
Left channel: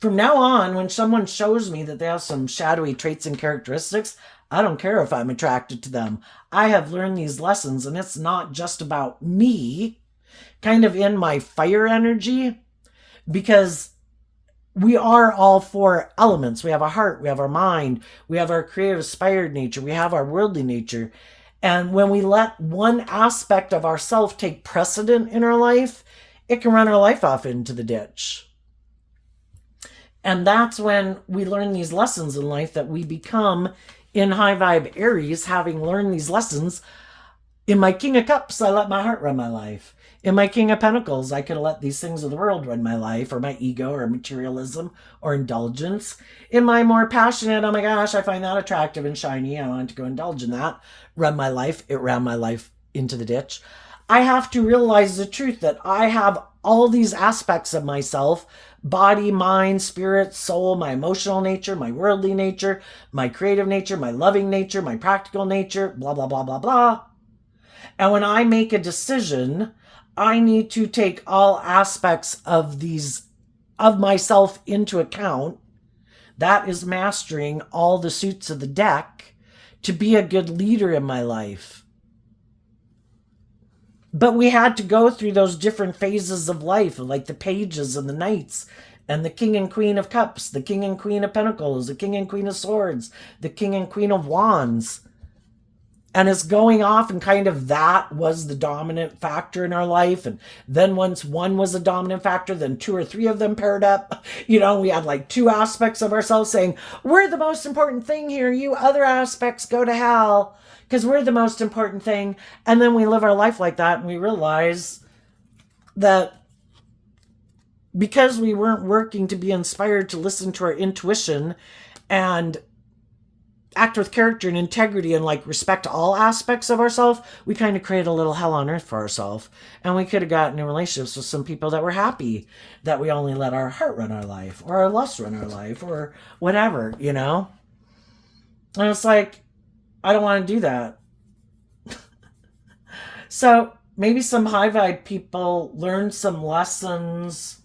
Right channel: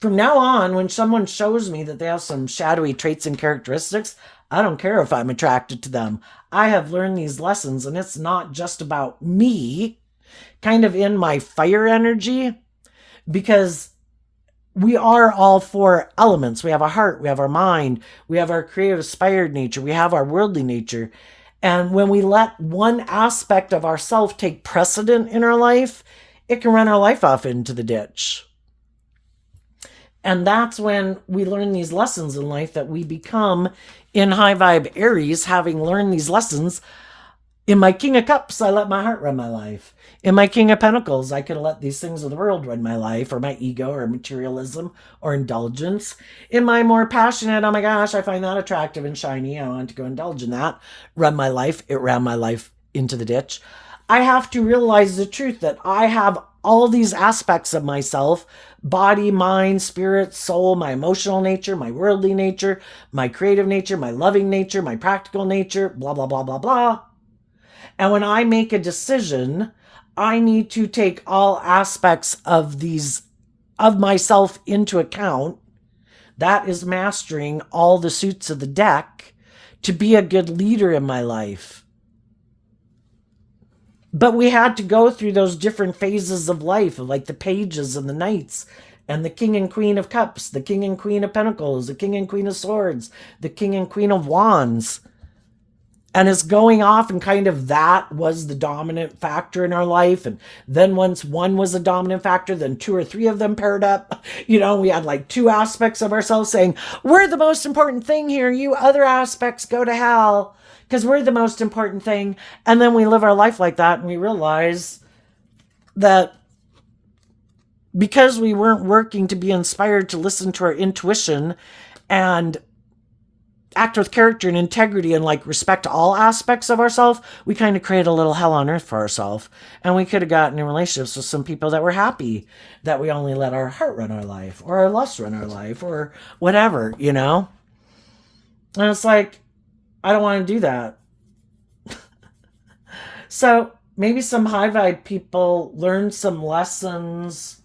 from now on, when someone shows me that they have some shadowy traits and characteristics, I don't care if I'm attracted to them. I have learned these lessons, and it's not just about me, kind of in my fire energy, because we are all four elements. We have a heart, we have our mind, we have our creative, inspired nature, we have our worldly nature. And when we let one aspect of ourself take precedent in our life, it can run our life off into the ditch. And that's when we learn these lessons in life, that we become in high vibe Aries, having learned these lessons. In my King of Cups, I let my heart run my life. In my King of Pentacles, I could have let these things of the world run my life, or my ego, or materialism, or indulgence. In my more passionate, oh my gosh, I find that attractive and shiny, I want to go indulge in that, run my life, it ran my life into the ditch. I have to realize the truth that I have all these aspects of myself: body, mind, spirit, soul, my emotional nature, my worldly nature, my creative nature, my loving nature, my practical nature, blah, blah, blah, blah, blah. And when I make a decision, I need to take all aspects of myself into account. That is mastering all the suits of the deck to be a good leader in my life. But we had to go through those different phases of life, like the pages and the knights, and the King and Queen of Cups, the King and Queen of Pentacles, the King and Queen of Swords, the King and Queen of Wands. And it's going off, and kind of that was the dominant factor in our life. And then once one was a dominant factor, then two or three of them paired up. We had like two aspects of ourselves saying, we're the most important thing here. You other aspects go to hell, because we're the most important thing. And then we live our life like that, and we realize that because we weren't working to be inspired to listen to our intuition and act with character and integrity and like respect all aspects of ourselves, we kind of create a little hell on earth for ourselves. And we could have gotten in relationships with some people that were happy that we only let our heart run our life, or our lust run our life, or whatever, And it's like, I don't want to do that. So maybe some high vibe people learn some lessons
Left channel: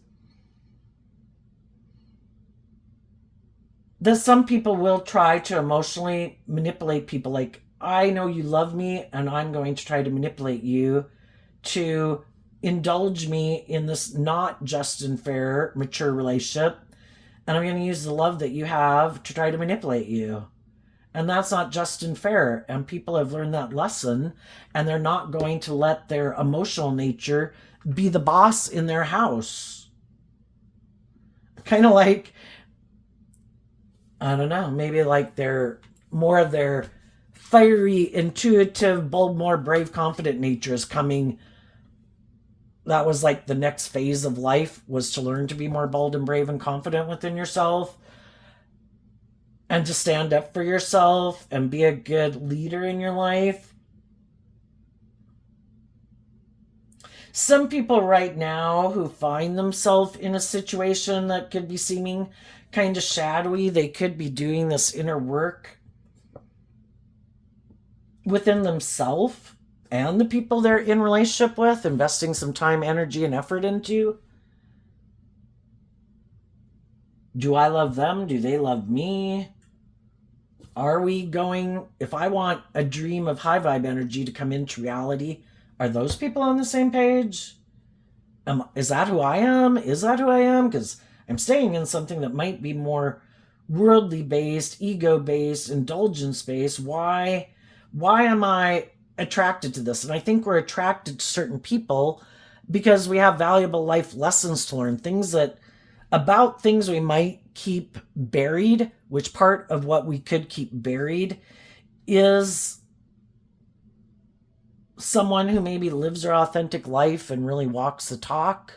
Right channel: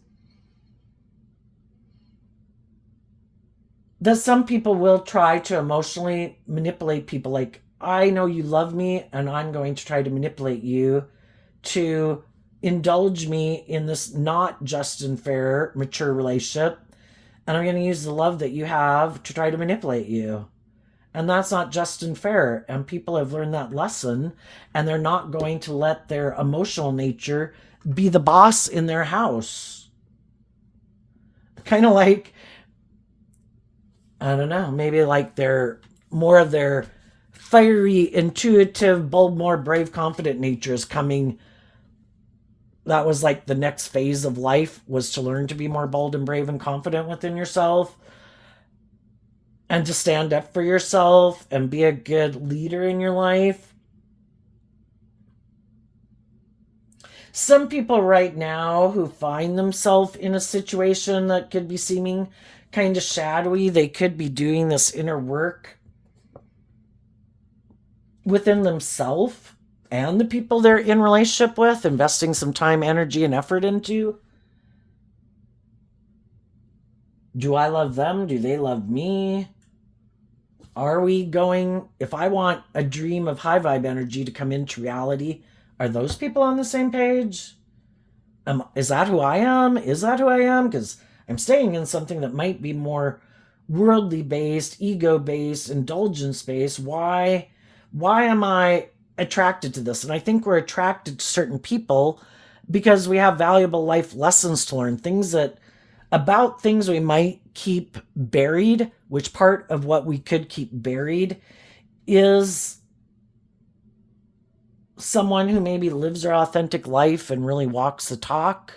that some people will try to emotionally manipulate people. Like, I know you love me, and I'm going to try to manipulate you to indulge me in this not just and fair, mature relationship. And I'm going to use the love that you have to try to manipulate you. And that's not just and fair. And people have learned that lesson, and they're not going to let their emotional nature be the boss in their house. Kind of like, I don't know, maybe like they're more of their fiery, intuitive, bold, more brave, confident nature is coming. That was like the next phase of life, was to learn to be more bold and brave and confident within yourself, and to stand up for yourself and be a good leader in your life. Some people right now who find themselves in a situation that could be seeming kind of shadowy, they could be doing this inner work within themselves and the people they're in relationship with, investing some time, energy, and effort into. Do I love them? Do they love me? Are we going, if I want a dream of high vibe energy to come into reality, are those people on the same page? Is that who I am? Is that who I am? Because I'm staying in something that might be more worldly based, ego based, indulgence based. Why am I attracted to this? And I think we're attracted to certain people because we have valuable life lessons to learn, things we might keep buried, which part of what we could keep buried is someone who maybe lives their authentic life and really walks the talk.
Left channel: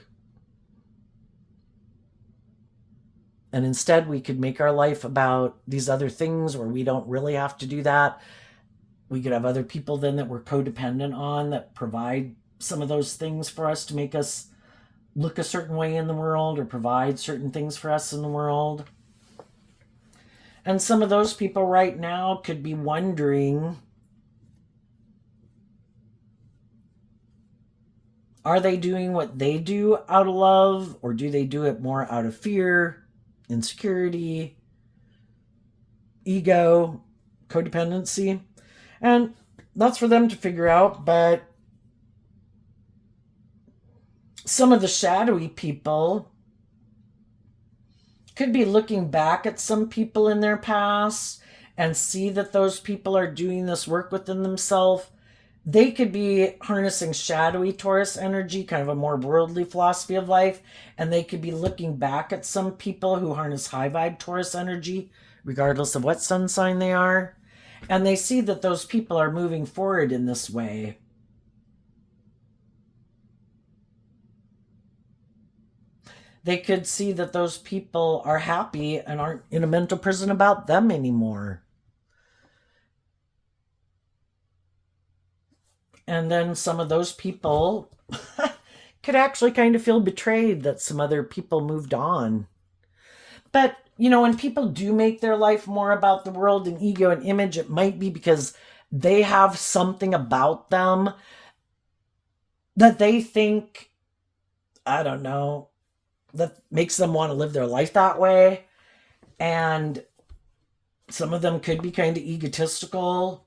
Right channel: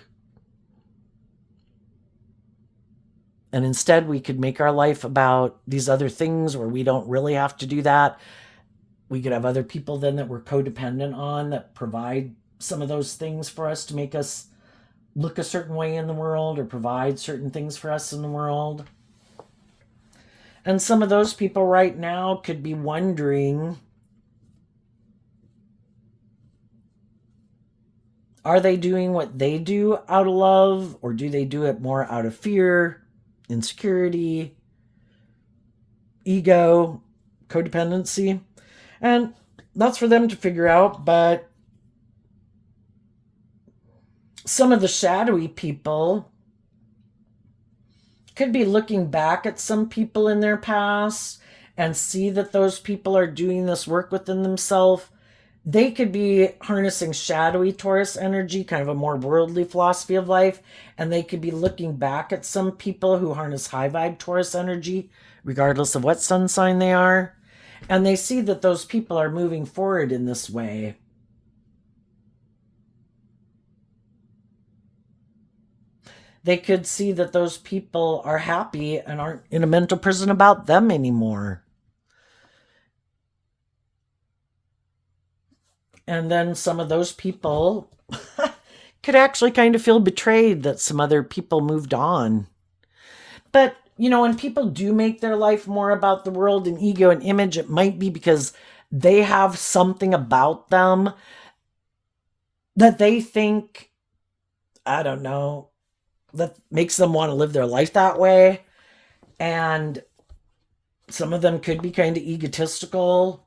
And instead we could make our life about these other things where we don't really have to do that. We could have other people then that we're codependent on that provide some of those things for us to make us look a certain way in the world or provide certain things for us in the world. And some of those people right now could be wondering, are they doing what they do out of love, or do they do it more out of fear, insecurity, ego, codependency? And that's for them to figure out. But some of the shadowy people could be looking back at some people in their past and see that those people are doing this work within themselves. They could be harnessing shadowy Taurus energy, kind of a more worldly philosophy of life, and they could be looking back at some people who harness high vibe Taurus energy, regardless of what sun sign they are, and they see that those people are moving forward in this way. They could see that those people are happy and aren't in a mental prison about them anymore. And then some of those people could actually kind of feel betrayed that some other people moved on. But, you know, when people do make their life more about the world and ego and image, it might be because they have something about them that they think, I don't know, that makes them want to live their life that way. And some of them could be kind of egotistical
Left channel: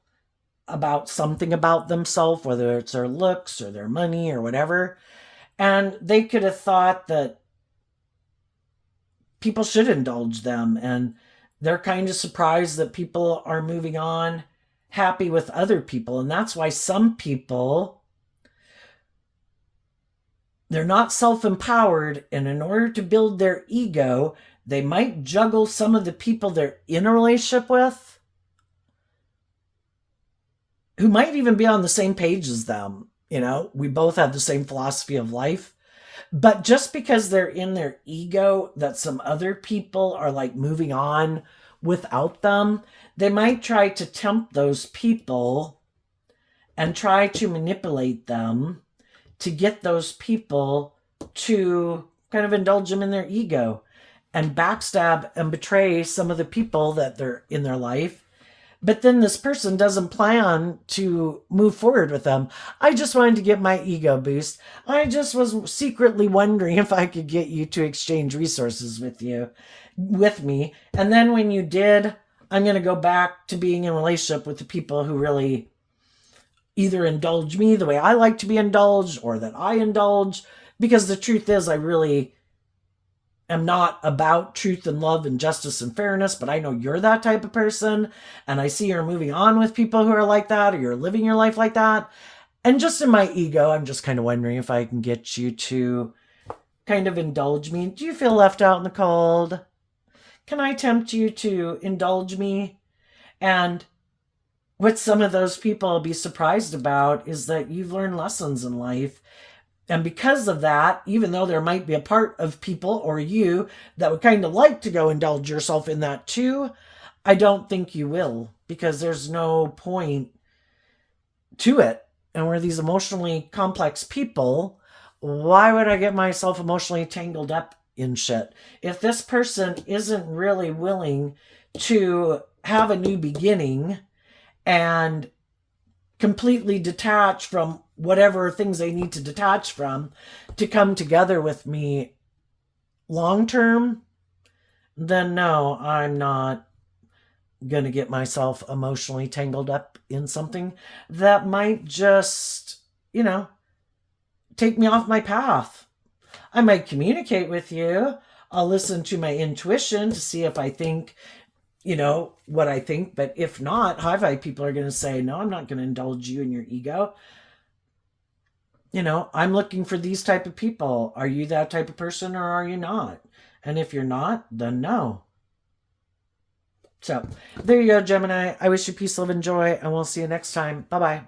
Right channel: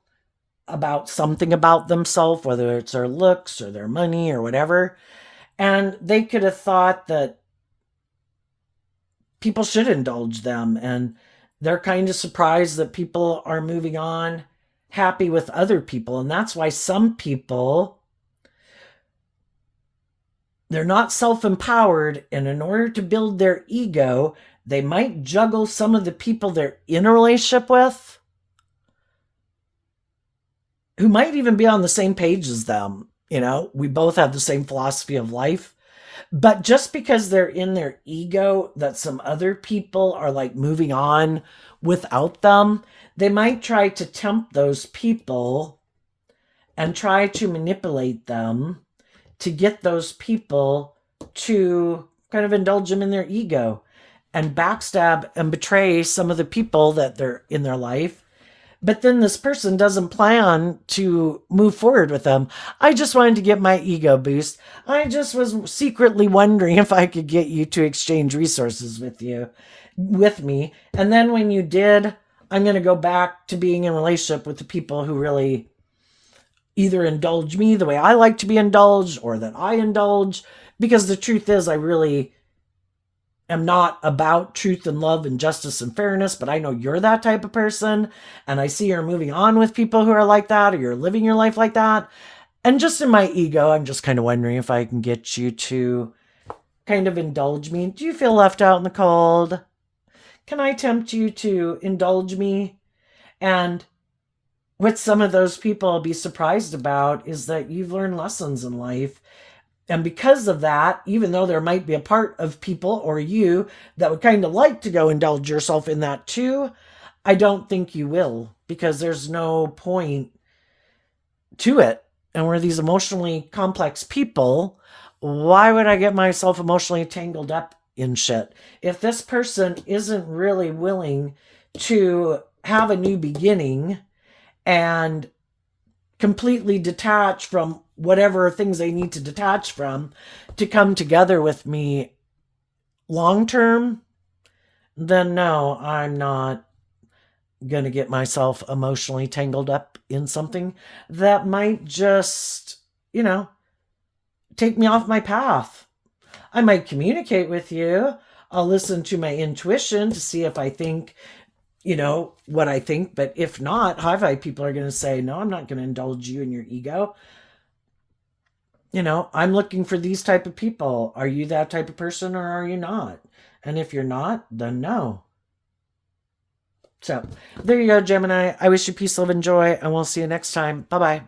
about something about themselves, whether it's their looks or their money or whatever. And they could have thought that people should indulge them. And they're kind of surprised that people are moving on happy with other people. And that's why some people, they're not self-empowered, and in order to build their ego, they might juggle some of the people they're in a relationship with, who might even be on the same page as them. You know, we both have the same philosophy of life. But just because they're in their ego, that some other people are like moving on without them, they might try to tempt those people and try to manipulate them to get those people to kind of indulge them in their ego and backstab and betray some of the people that they're in their life. But then this person doesn't plan to move forward with them. I just wanted to get my ego boost. I just was secretly wondering if I could get you to exchange resources with me. And then when you did, I'm going to go back to being in a relationship with the people who really either indulge me the way I like to be indulged, or that I indulge. Because the truth is, I really am not about truth and love and justice and fairness, but I know you're that type of person, and I see you're moving on with people who are like that, or you're living your life like that. And just in my ego, I'm just kind of wondering if I can get you to kind of indulge me. Do you feel left out in the cold? Can I tempt you to indulge me? And what some of those people will be surprised about is that you've learned lessons in life. And because of that, even though there might be a part of people or you that would kind of like to go indulge yourself in that too, I don't think you will, because there's no point to it. And we're these emotionally complex people. Why would I get myself emotionally tangled up in shit? If this person isn't really willing to have a new beginning and completely detach from whatever things they need to detach from to come together with me long term, then no, I'm not going to get myself emotionally tangled up in something that might just, take me off my path. I might communicate with you. I'll listen to my intuition to see if I think what I think. But if not, high vibe people are going to say, no, I'm not going to indulge you in your ego. I'm looking for these type of people. Are you that type of person, or are you not? And if you're not, then no. So there you go, Gemini. I wish you peace, love, and joy, and we'll see you next time. Bye-bye.